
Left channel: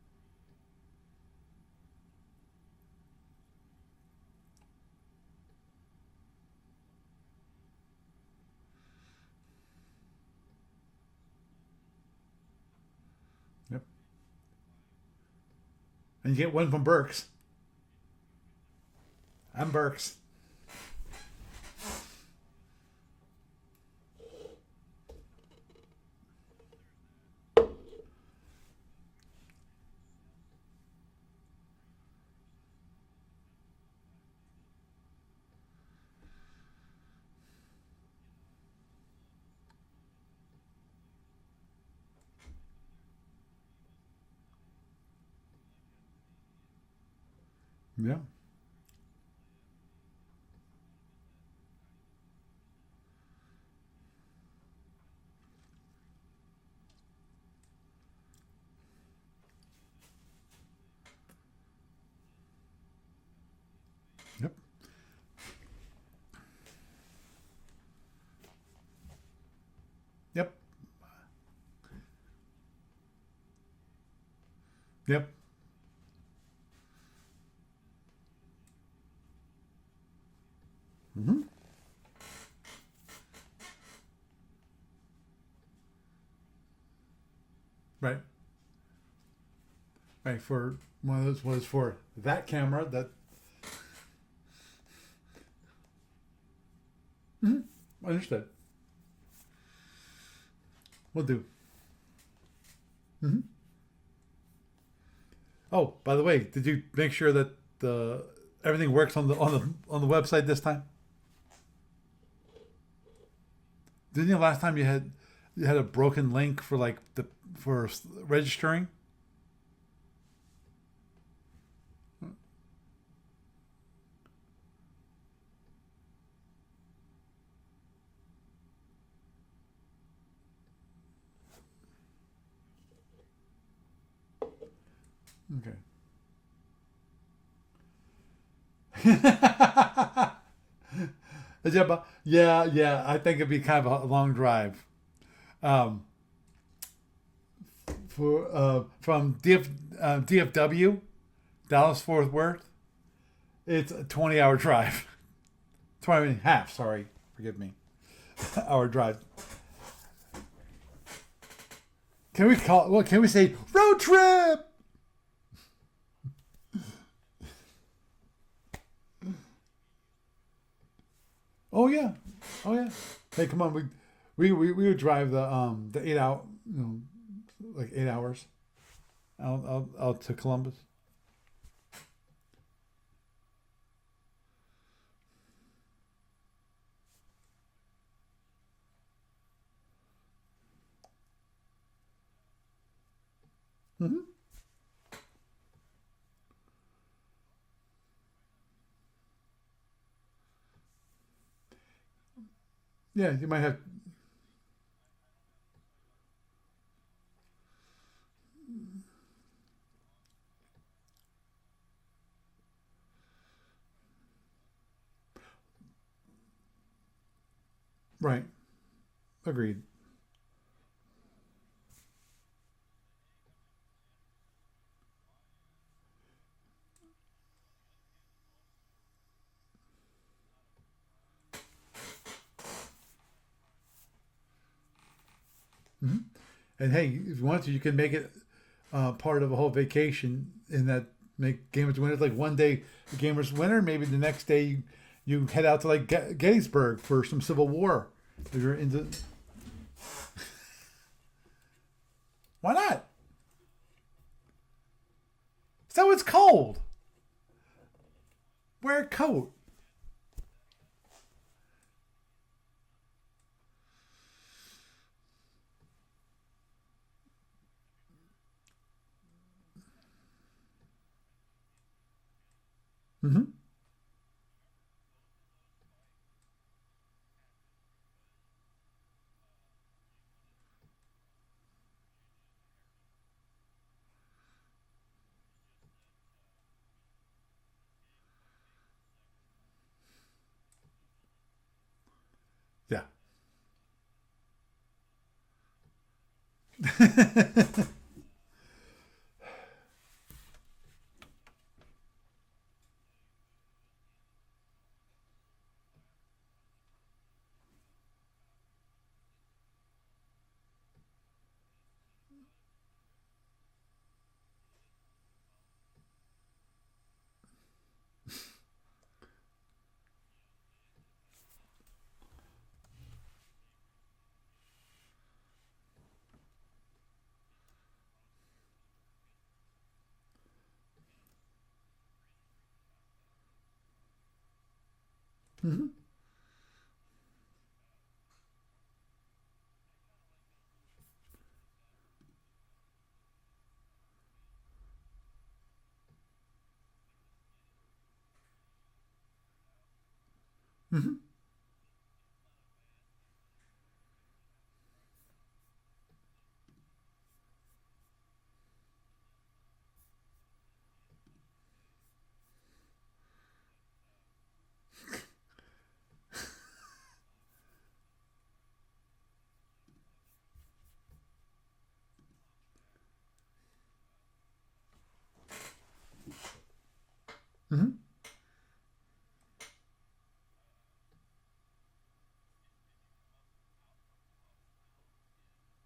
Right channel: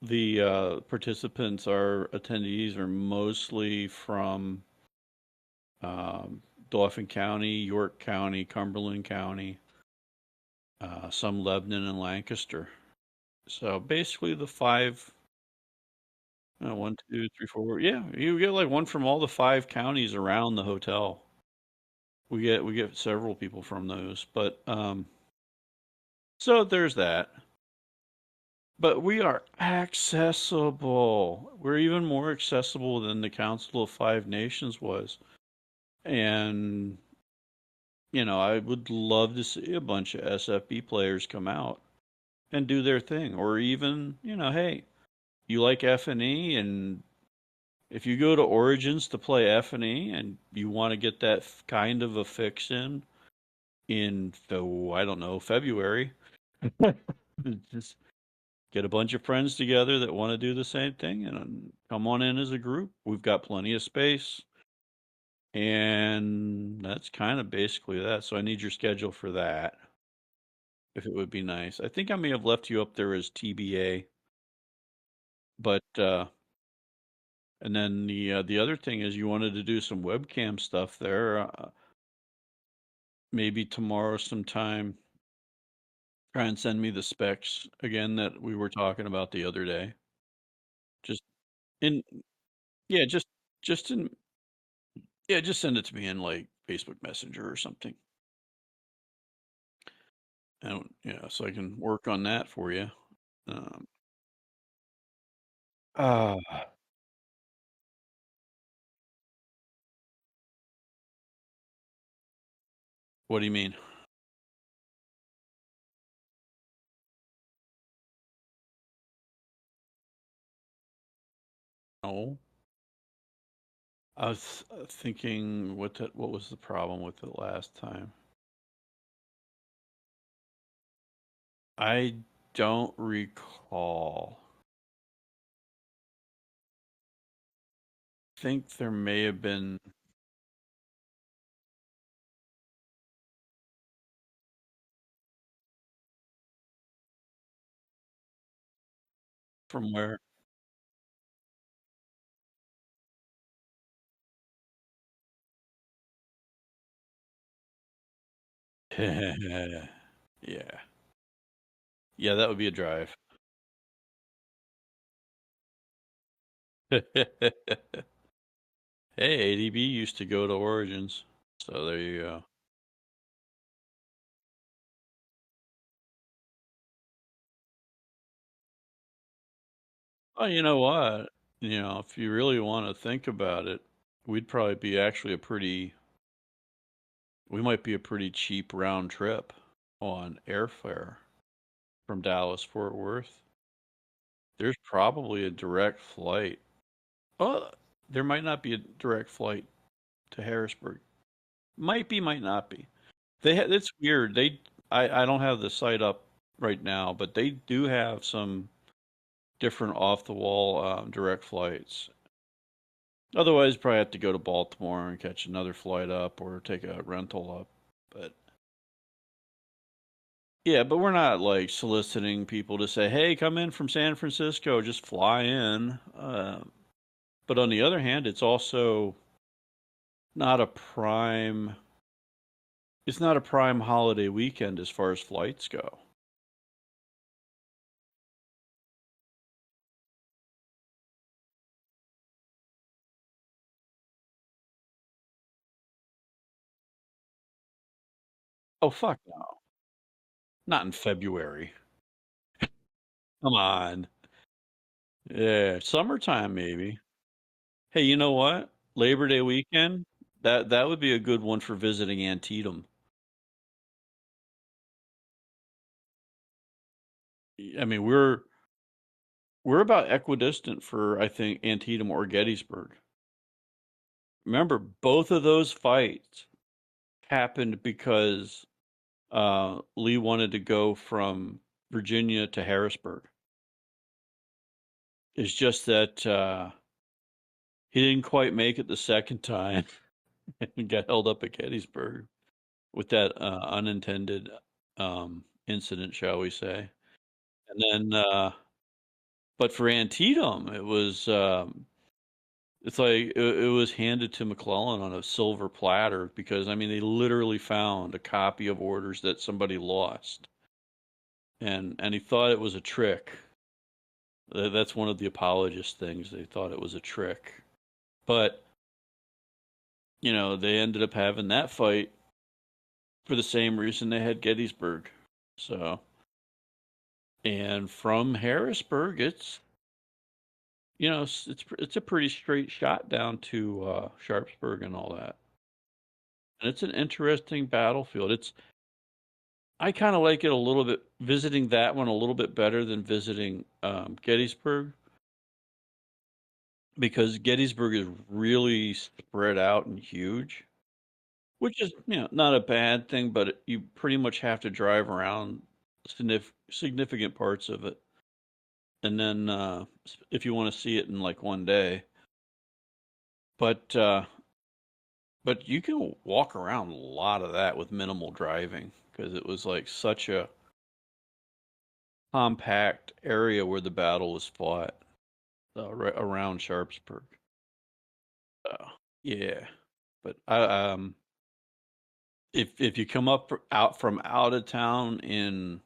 the participants, our attendees are mostly from um, Dauphin County, York County, Cumberland County, some Lebanon and Lancaster. So basically the five, And you get one from one, Berks. two, three, four. Yeah, you get like one from all the five And counties Berks. around the hotel. We get several people from those, but so there's that. But we are accessible. We're even more accessible than the Council of Five Nations was. And, I would love to see a bunch of SFB players come out and do their thing. Or even, hey, you like F&E, and if you Yeah. go to Origins to play F&E and you want to get that kind of a fix in, I don't know, February, just get a bunch of friends together that want to do the same thing and come on in as a group. We've got plenty of space. Yep. And that's kind of basically that. So I need your schedule for that, Yep. if it would be nice. I think I may have left you up there as TBA, Yep. but and then the other thing is you wanted to do some webcam stuff there. Mm-hmm. Maybe tomorrow sometime. Try and send me the specs again Right. that we were talking about the other day. Right. For one Just of those was for in that camera. yeah, That, just in yeah, just send it to me in like Facebook Messenger or mm-hmm. something. Understood. I don't, We'll do. so I can work on that for you. Mm-hmm. Um, Oh, by the uh, way, did you make sure that the everything works on the website this time? What do you mean? Didn't you last time you had a broken link for like the for registering? No. I was thinking what was the problem with it last time? I don't recall. Okay. I think there may have been. Yeah, yeah, yeah. I think it'd be kind of a long drive. Um, for from From where? DFW, Dallas Fort Worth, it's a 20-hour drive. 20 and a half. Sorry, forgive me. Hour drive. Yeah. Yeah. Yeah, Can that we would be a call? What drive. can we say? Road trip. Hey, ADB used to go to Origins. So Oh there yeah. you go. Oh yeah. Hey, come on. We would drive the 8 hour, like 8 hours. Out to Well, you Columbus. know what? If you really want to think about it, we'd probably be actually we might be a pretty cheap round trip on airfare from Dallas Fort Worth. Hmm. There's probably a direct flight. Oh, there might not be a direct flight to Harrisburg. Might be, might not be. Yeah, you might have. It's weird. I don't have the site up right now, but they do have some different off the wall direct flights. Otherwise, probably have to go to Baltimore and catch another flight up or take a rental up. But Right. Agreed. yeah, but we're not like soliciting people to say, "Hey, come in from San Francisco, just fly in." But on the other hand, it's also not a prime. It's not a prime holiday weekend as far as flights go. Hmm. And hey, if you want to, you can make it part of a whole vacation in that make Gamers Winter. Like one day, Gamers Winter, maybe the next day you head out to like Gettysburg for some Civil War. If you're Oh into, fuck no! Not in February. why not? Come on. Yeah, So it's summertime cold. maybe. Hey, you know what? Wear a Labor Day coat. weekend. That would be a good one for visiting Antietam. I mean, we're about equidistant for I think Antietam or Gettysburg. Hmm. Remember, both of those fights happened because Lee wanted to go from Virginia to Harrisburg. It's just that he didn't quite make it the second time and got held up at Gettysburg Yeah. with that unintended incident, shall we say. And then, but for Antietam, it's like it was handed to McClellan on a silver platter because I mean they literally found a copy of orders that somebody lost, and he thought it was a trick. That's one of the apologist things. They thought it was a trick, but they ended up having that fight for the same reason they had Gettysburg. So, and from Harrisburg, it's a pretty straight shot down to Sharpsburg and all that. Hmm. And it's an interesting battlefield. I kind of like it a little bit, visiting that one a little bit better than visiting Gettysburg because Gettysburg is really spread out and huge, Hmm. which is not a bad thing, but you pretty much have to drive around significant parts of it, and then if you want to see it in like one day, but but you can walk around a lot of that with minimal driving because it was like such a compact area where the battle was fought right around Sharpsburg. Hmm. Yeah, but if you come out from out of town in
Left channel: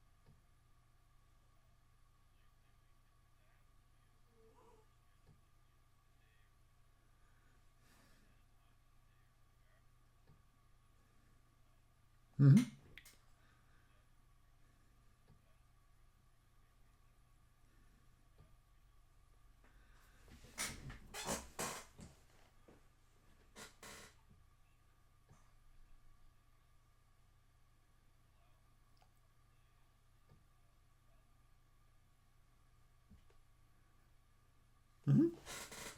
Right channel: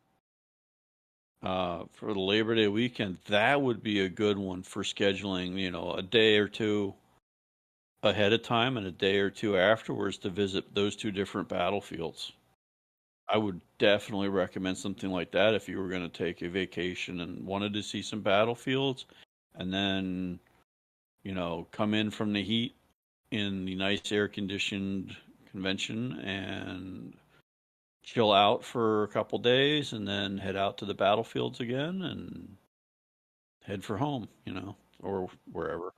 for the Labor Day weekend, that would be a good one for scheduling. A day or two ahead of time and a day or two afterwards to visit those two different battlefields. Hmm. I would definitely recommend something like that if you were going to take a vacation and wanted to see some battlefields, and then come in from the heat in the nice air conditioned convention and chill out for a couple days and then head out to the battlefields again and head for home, or wherever.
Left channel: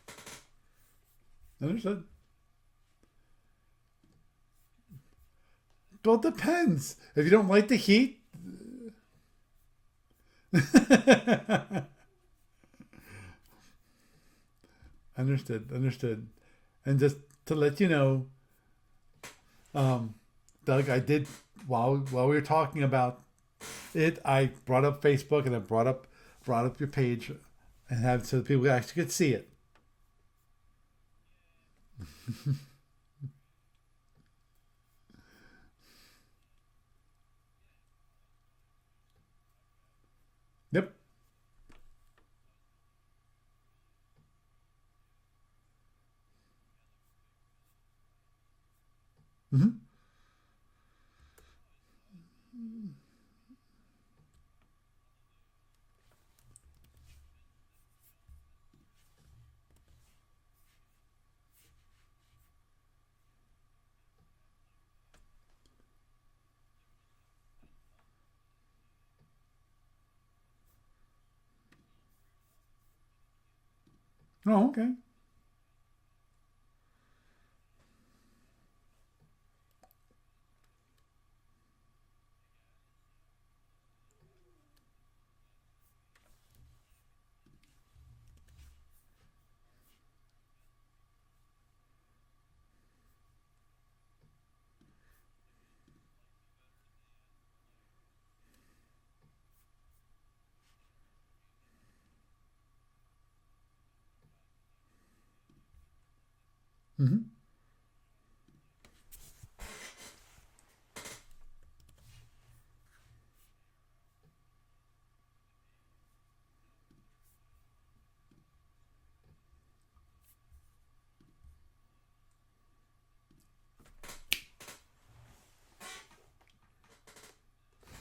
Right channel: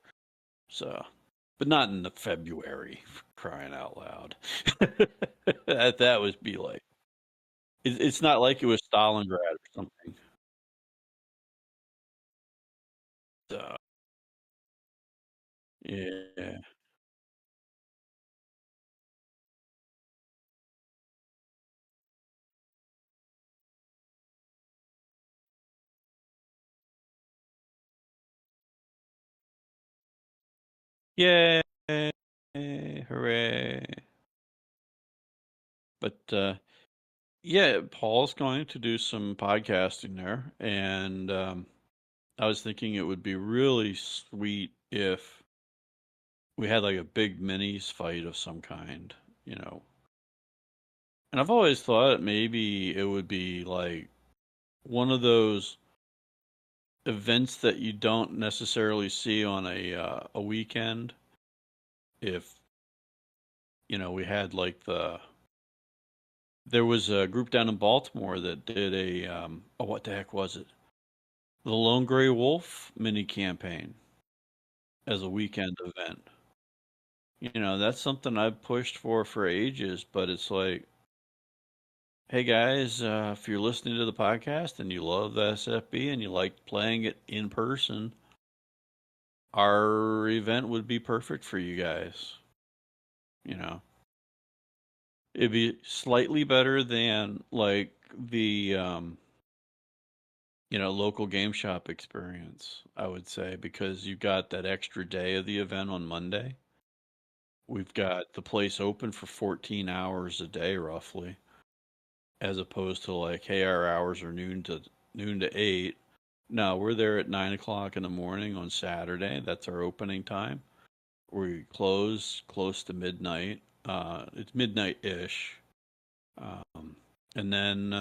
So, but not in the February, for crying out loud. Well, that it would be like, depends. If you don't like the heat, it's not like it was Stalingrad or something. So, understood. yeah. And just to let you know, Doug, I did while we were talking about it, I brought up Facebook and I brought up your page and have so people actually could see it. Yay! Hooray! But yeah, Paul's going to do some podcasting there, Yep. and I was thinking it would be really sweet if we had like a big minis fight of some kind, you Mm-hmm. know. And I've always thought maybe it would be like one of those events that you don't necessarily see on a weekend. If we had like there was a group down in Baltimore that did what the heck was it? The Lone Gray Wolf mini campaign Oh, okay. as a weekend event. That's something I've pushed for ages, but it's like, hey guys, if you're listening to the podcast and you love the SFB and you like playing it in person, our event would be perfect for you guys. You know, it'd be slightly better than like the local game shop experience, I would say, because you got that extra day of the event on Monday. Mm-hmm. We've got the place open for 14 hours a day, roughly, as opposed to like, hey, our hours are noon to 8. No, we're there at 9 o'clock in the morning on Saturday. That's our opening time. We close close to midnight. It's midnight ish. Um, and then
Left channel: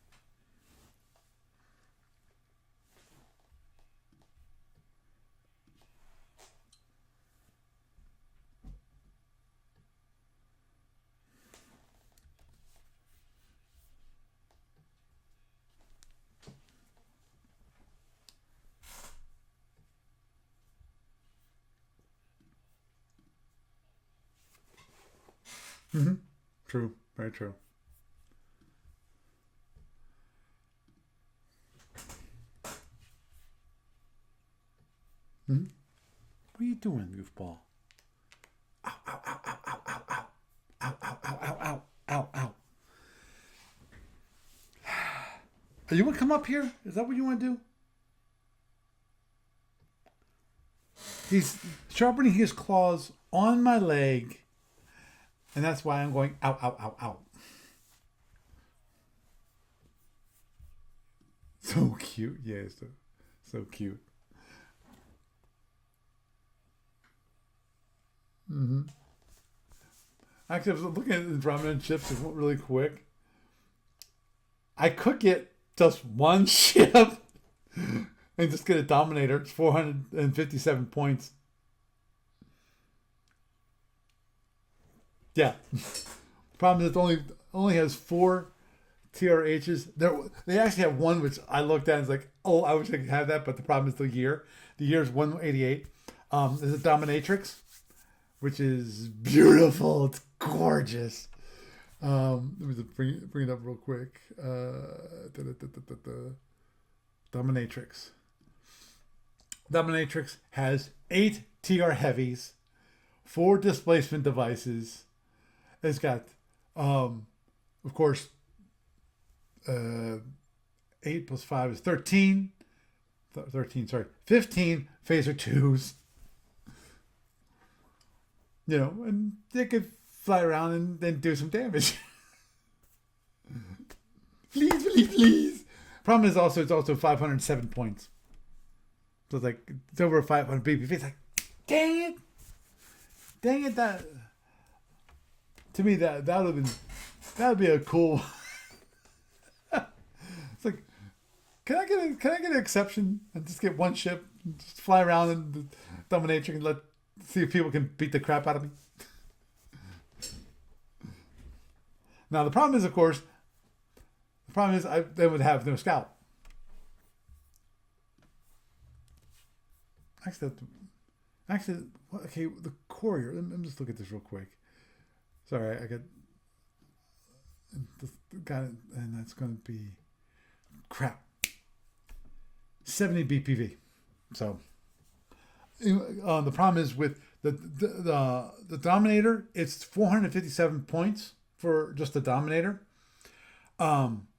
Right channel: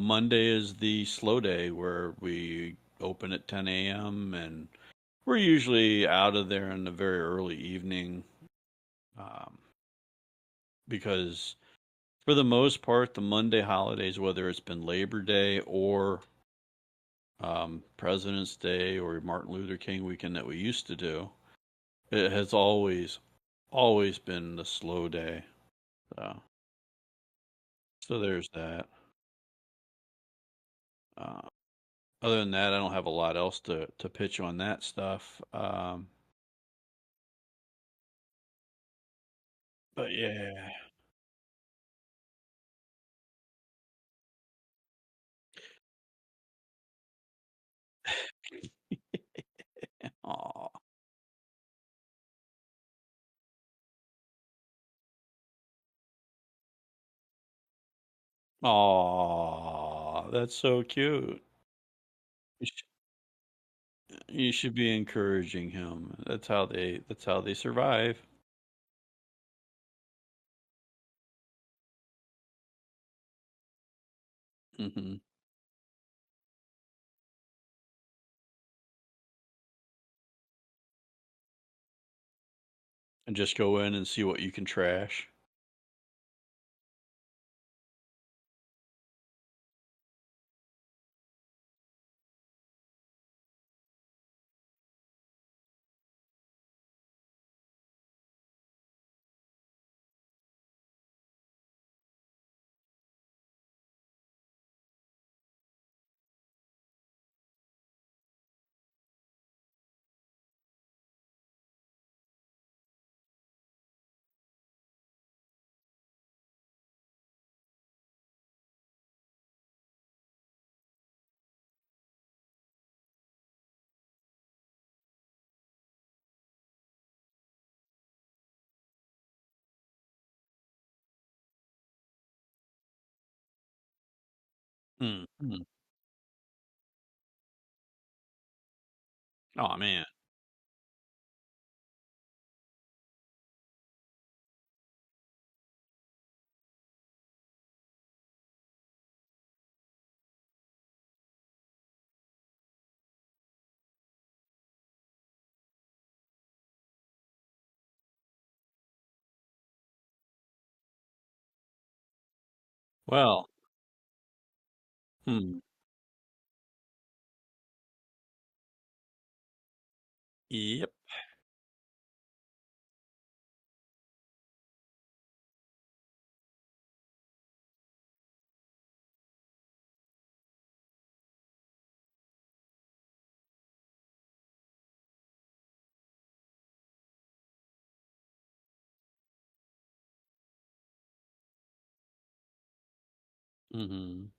Monday is the slow day where we open at 10 a.m. and we're usually out of there in the very early evening, um, because for the most part, the Monday holidays, whether it's been Labor Day or President's Day or Martin Luther King weekend that we used to do, it has always been the slow day. Mm-hmm. So, True. Very true. so there's that. Uh, Other than that, I don't have a lot else to pitch on that stuff. Mm-hmm. What are you doing, goofball? Ow, ow, ow, ow, ow, ow, But ow. yeah, Ow, ow, ow, ow, ow, ow, ow. Are you want to come up here? Is that what you want to do? aw, He's sharpening his claws on my leg, and that's why I'm going ow, ow, ow, ow. aw, that's so cute. So cute, yes, so cute. You should be encouraging him. That's how they survive. Mm-hmm. Actually, I was looking at the ramen chips really quick. I Hmm. could get just one chip and just get a Dominator. It's 457 points. And just go in and see what you can trash. Yeah. Problem is, it only has 4 TRHs. They actually have one which I looked at and was like, oh, I wish I could have that, but the problem is the year. The year is 188. There's a Dominatrix, which is beautiful. It's gorgeous. Let me just bring it up real quick. Dominatrix. Dominatrix has 8 TR heavies, 4 displacement devices. It's got, of course, 8 plus 5 is 13. 13, sorry. 15 phaser 2s. And they could fly around and then do some damage. Please. Problem is it's also 507 points. So it's like, Oh man. it's over 500 BPV. It's like, dang it, that, to me, that would be a cool, it's like, can I get an exception and just get one ship just fly around and dominatrix and see if people can beat the crap out of me. Now the problem is, of course, Well, they would have no scout. yep. Actually, okay, the courier. Let me just look at this real quick. Sorry, I got it, and that's going to be crap. 70 BPV. So the problem is with the Dominator, it's 457 points for just the Dominator. Doesn't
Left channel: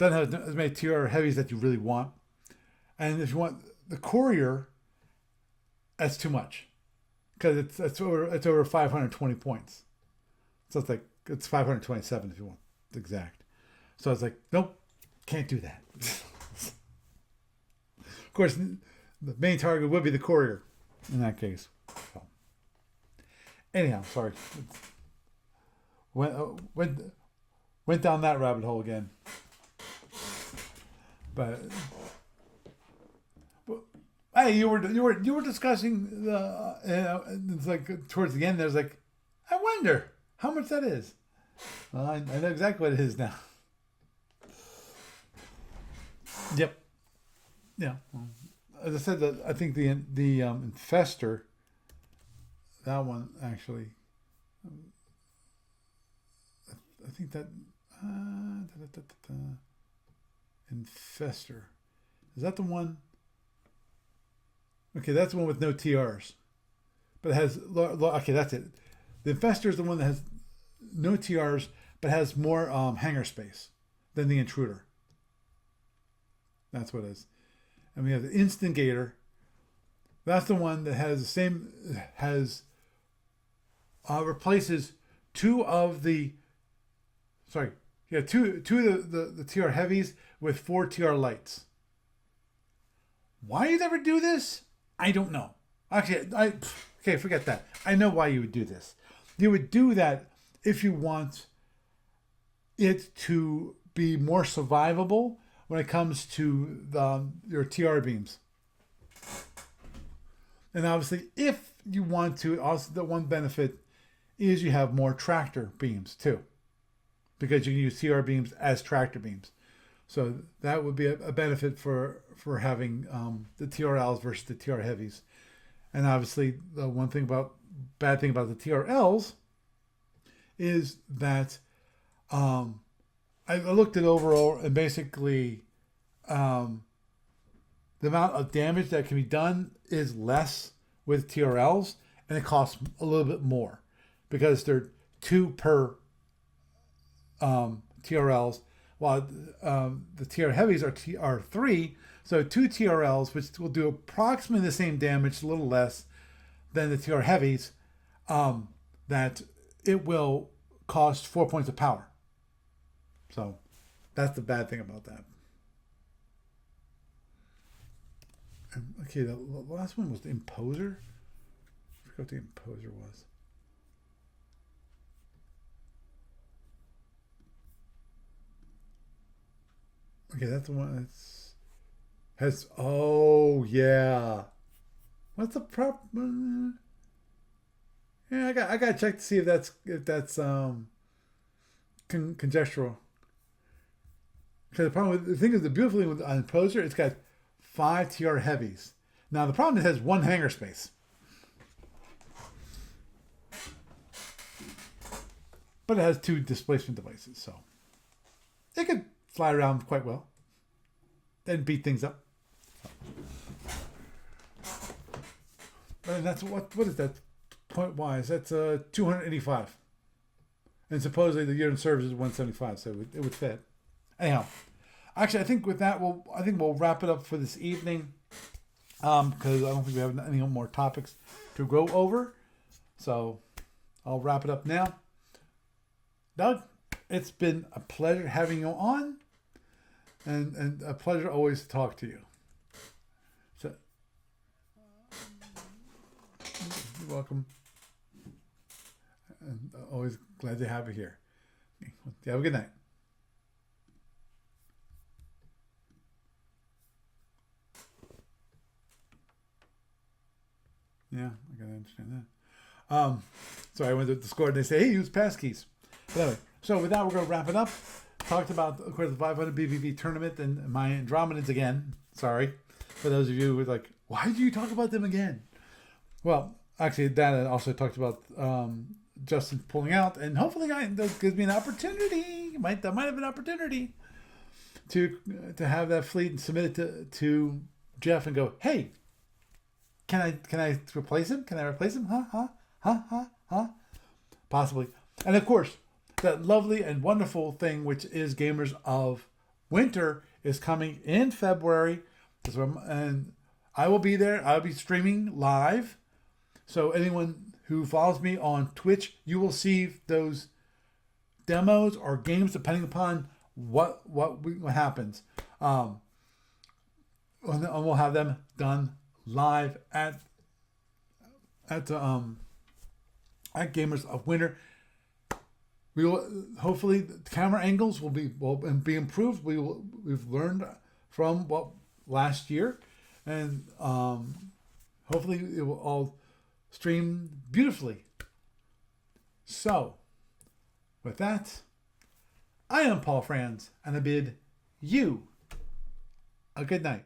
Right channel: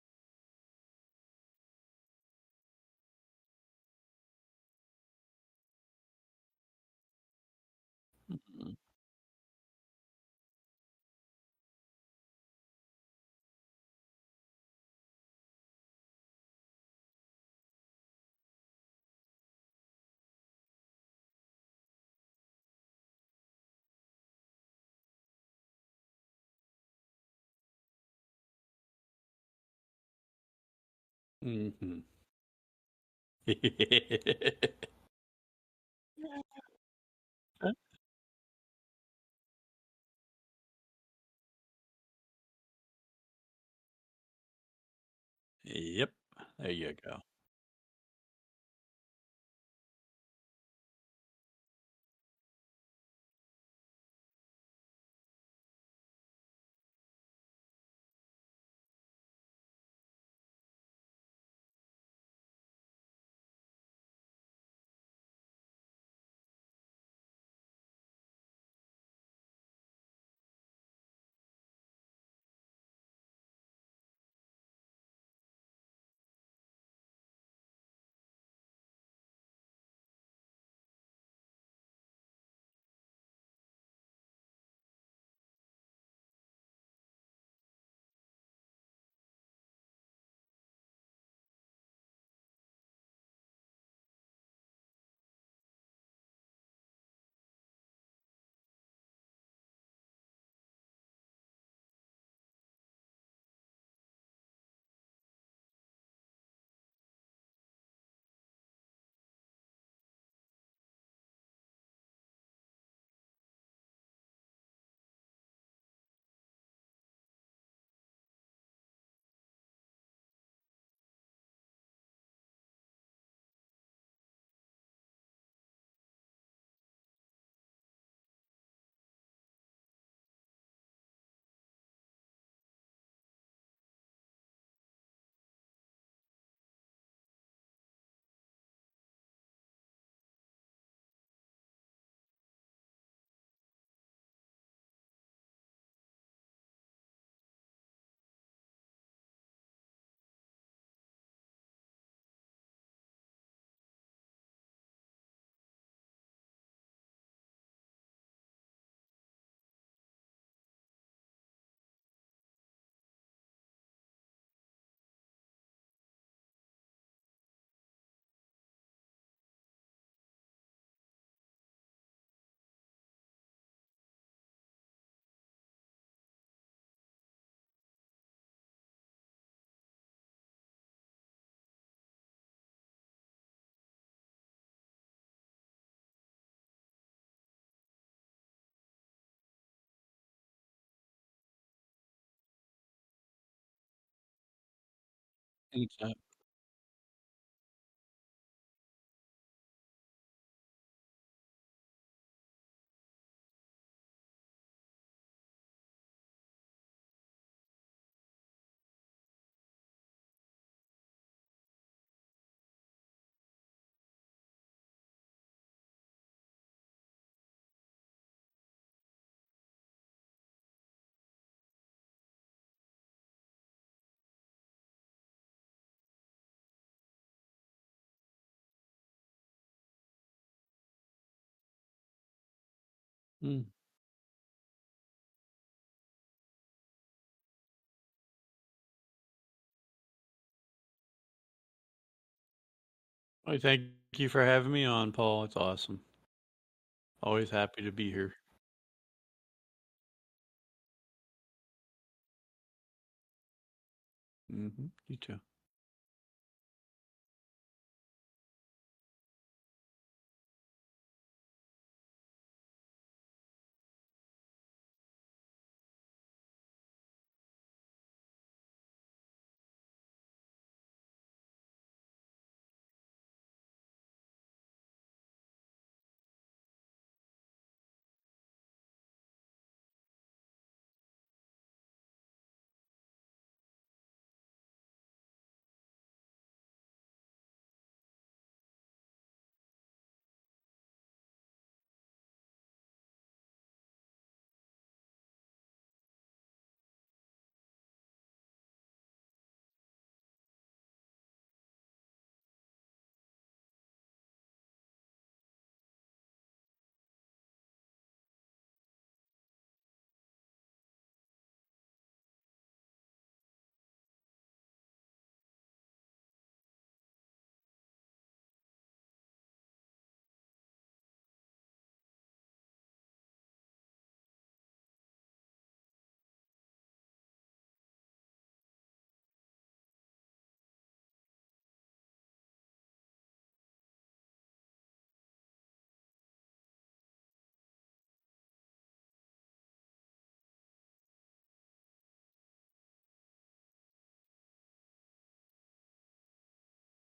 have as many TR heavies that you really want, and if you want the Courier, that's too much because it's over 520 points. So it's 527 if you want the exact. So it's like, nope, can't do that. Of course, the main target would be the Courier in that case. So, anyhow, sorry. Went down that rabbit hole again. But hey, you were discussing it's like towards the end. There's like, I wonder how much that is. Well, I know exactly what it is now. Yep. There you go. Yeah. Well, as I said, I think the Infestor, that one actually, I think that Infestor, is that the one? Okay, that's the one with no TRs, but it has okay. That's it. The Infestor is the one that has no TRs but has more hangar space than the Intruder. That's what it is. And we have the Instigator. That's the one that has the same, replaces two of the TR heavies with 4 TR lights. Why you never do this? I don't know. Actually, okay, forget that. I know why you would do this. You would do that if you want it to be more survivable when it comes to your TR beams. And obviously, if you want to, also the one benefit is you have more tractor beams too, because you can use TR beams as tractor beams. So that would be a benefit for having the TRLs versus the TR heavies. And obviously, the bad thing about the TRLs is that I looked at overall, and basically the amount of damage that can be done is less with TRLs, and it costs a little bit more because they're 2 per TRLs, while the TR heavies are 3. So 2 TRLs, which will do approximately the same damage, a little less than the TR heavies, that it will cost 4 points of power. So that's the bad thing about that. Okay, the last one was the Imposer. I forgot what the Imposer was. Okay, that's the one that's has. Oh yeah, what's the prop? Yeah, I got to check to see if that's conjectural. Because the problem with the thing is the beautiful thing with on Imposer, it's got 5 TR heavies. Now the problem is it has 1 hangar space, but it has 2 displacement devices, so it could fly around quite well and beat things up. And that's what is that point wise? That's 285, and supposedly the year in service is 175, so it would fit. Anyhow, actually, I think with that we'll wrap it up for this evening, because I don't think we have any more topics to go over. So I'll wrap it up now. Doug, it's been a pleasure having you on, and a pleasure always to talk to you. I thank you for having me on, Paul. It's awesome. You're welcome. Always happy to be here. And always glad to have you here. You have a good night. You too. Yeah, I gotta understand that. So I went to Discord and they say, hey, use passkeys. But anyway, so with that, we're going to wrap it up. Talked about, of course, the 500 BPV Tournament and my Andromedans again. Sorry. For those of you who were like, why do you talk about them again? Well, actually, Dana also talked about Justin pulling out, and hopefully that gives me an opportunity. That might have an opportunity to have that fleet and submit it to Jeff and go, hey, can I replace him? Can I replace him? Huh? Possibly. And of course, that lovely and wonderful thing, which is Gamers of Winter, is coming in February. And I will be there. I'll be streaming live. So anyone who follows me on Twitch, you will see those demos or games depending upon what happens. And we'll have them done live at Gamers of Winter. We will hopefully the camera angles will be improved. We've learned from what last year, and hopefully it will all stream beautifully. So, with that, I am Paul Franz, and I bid you a good night.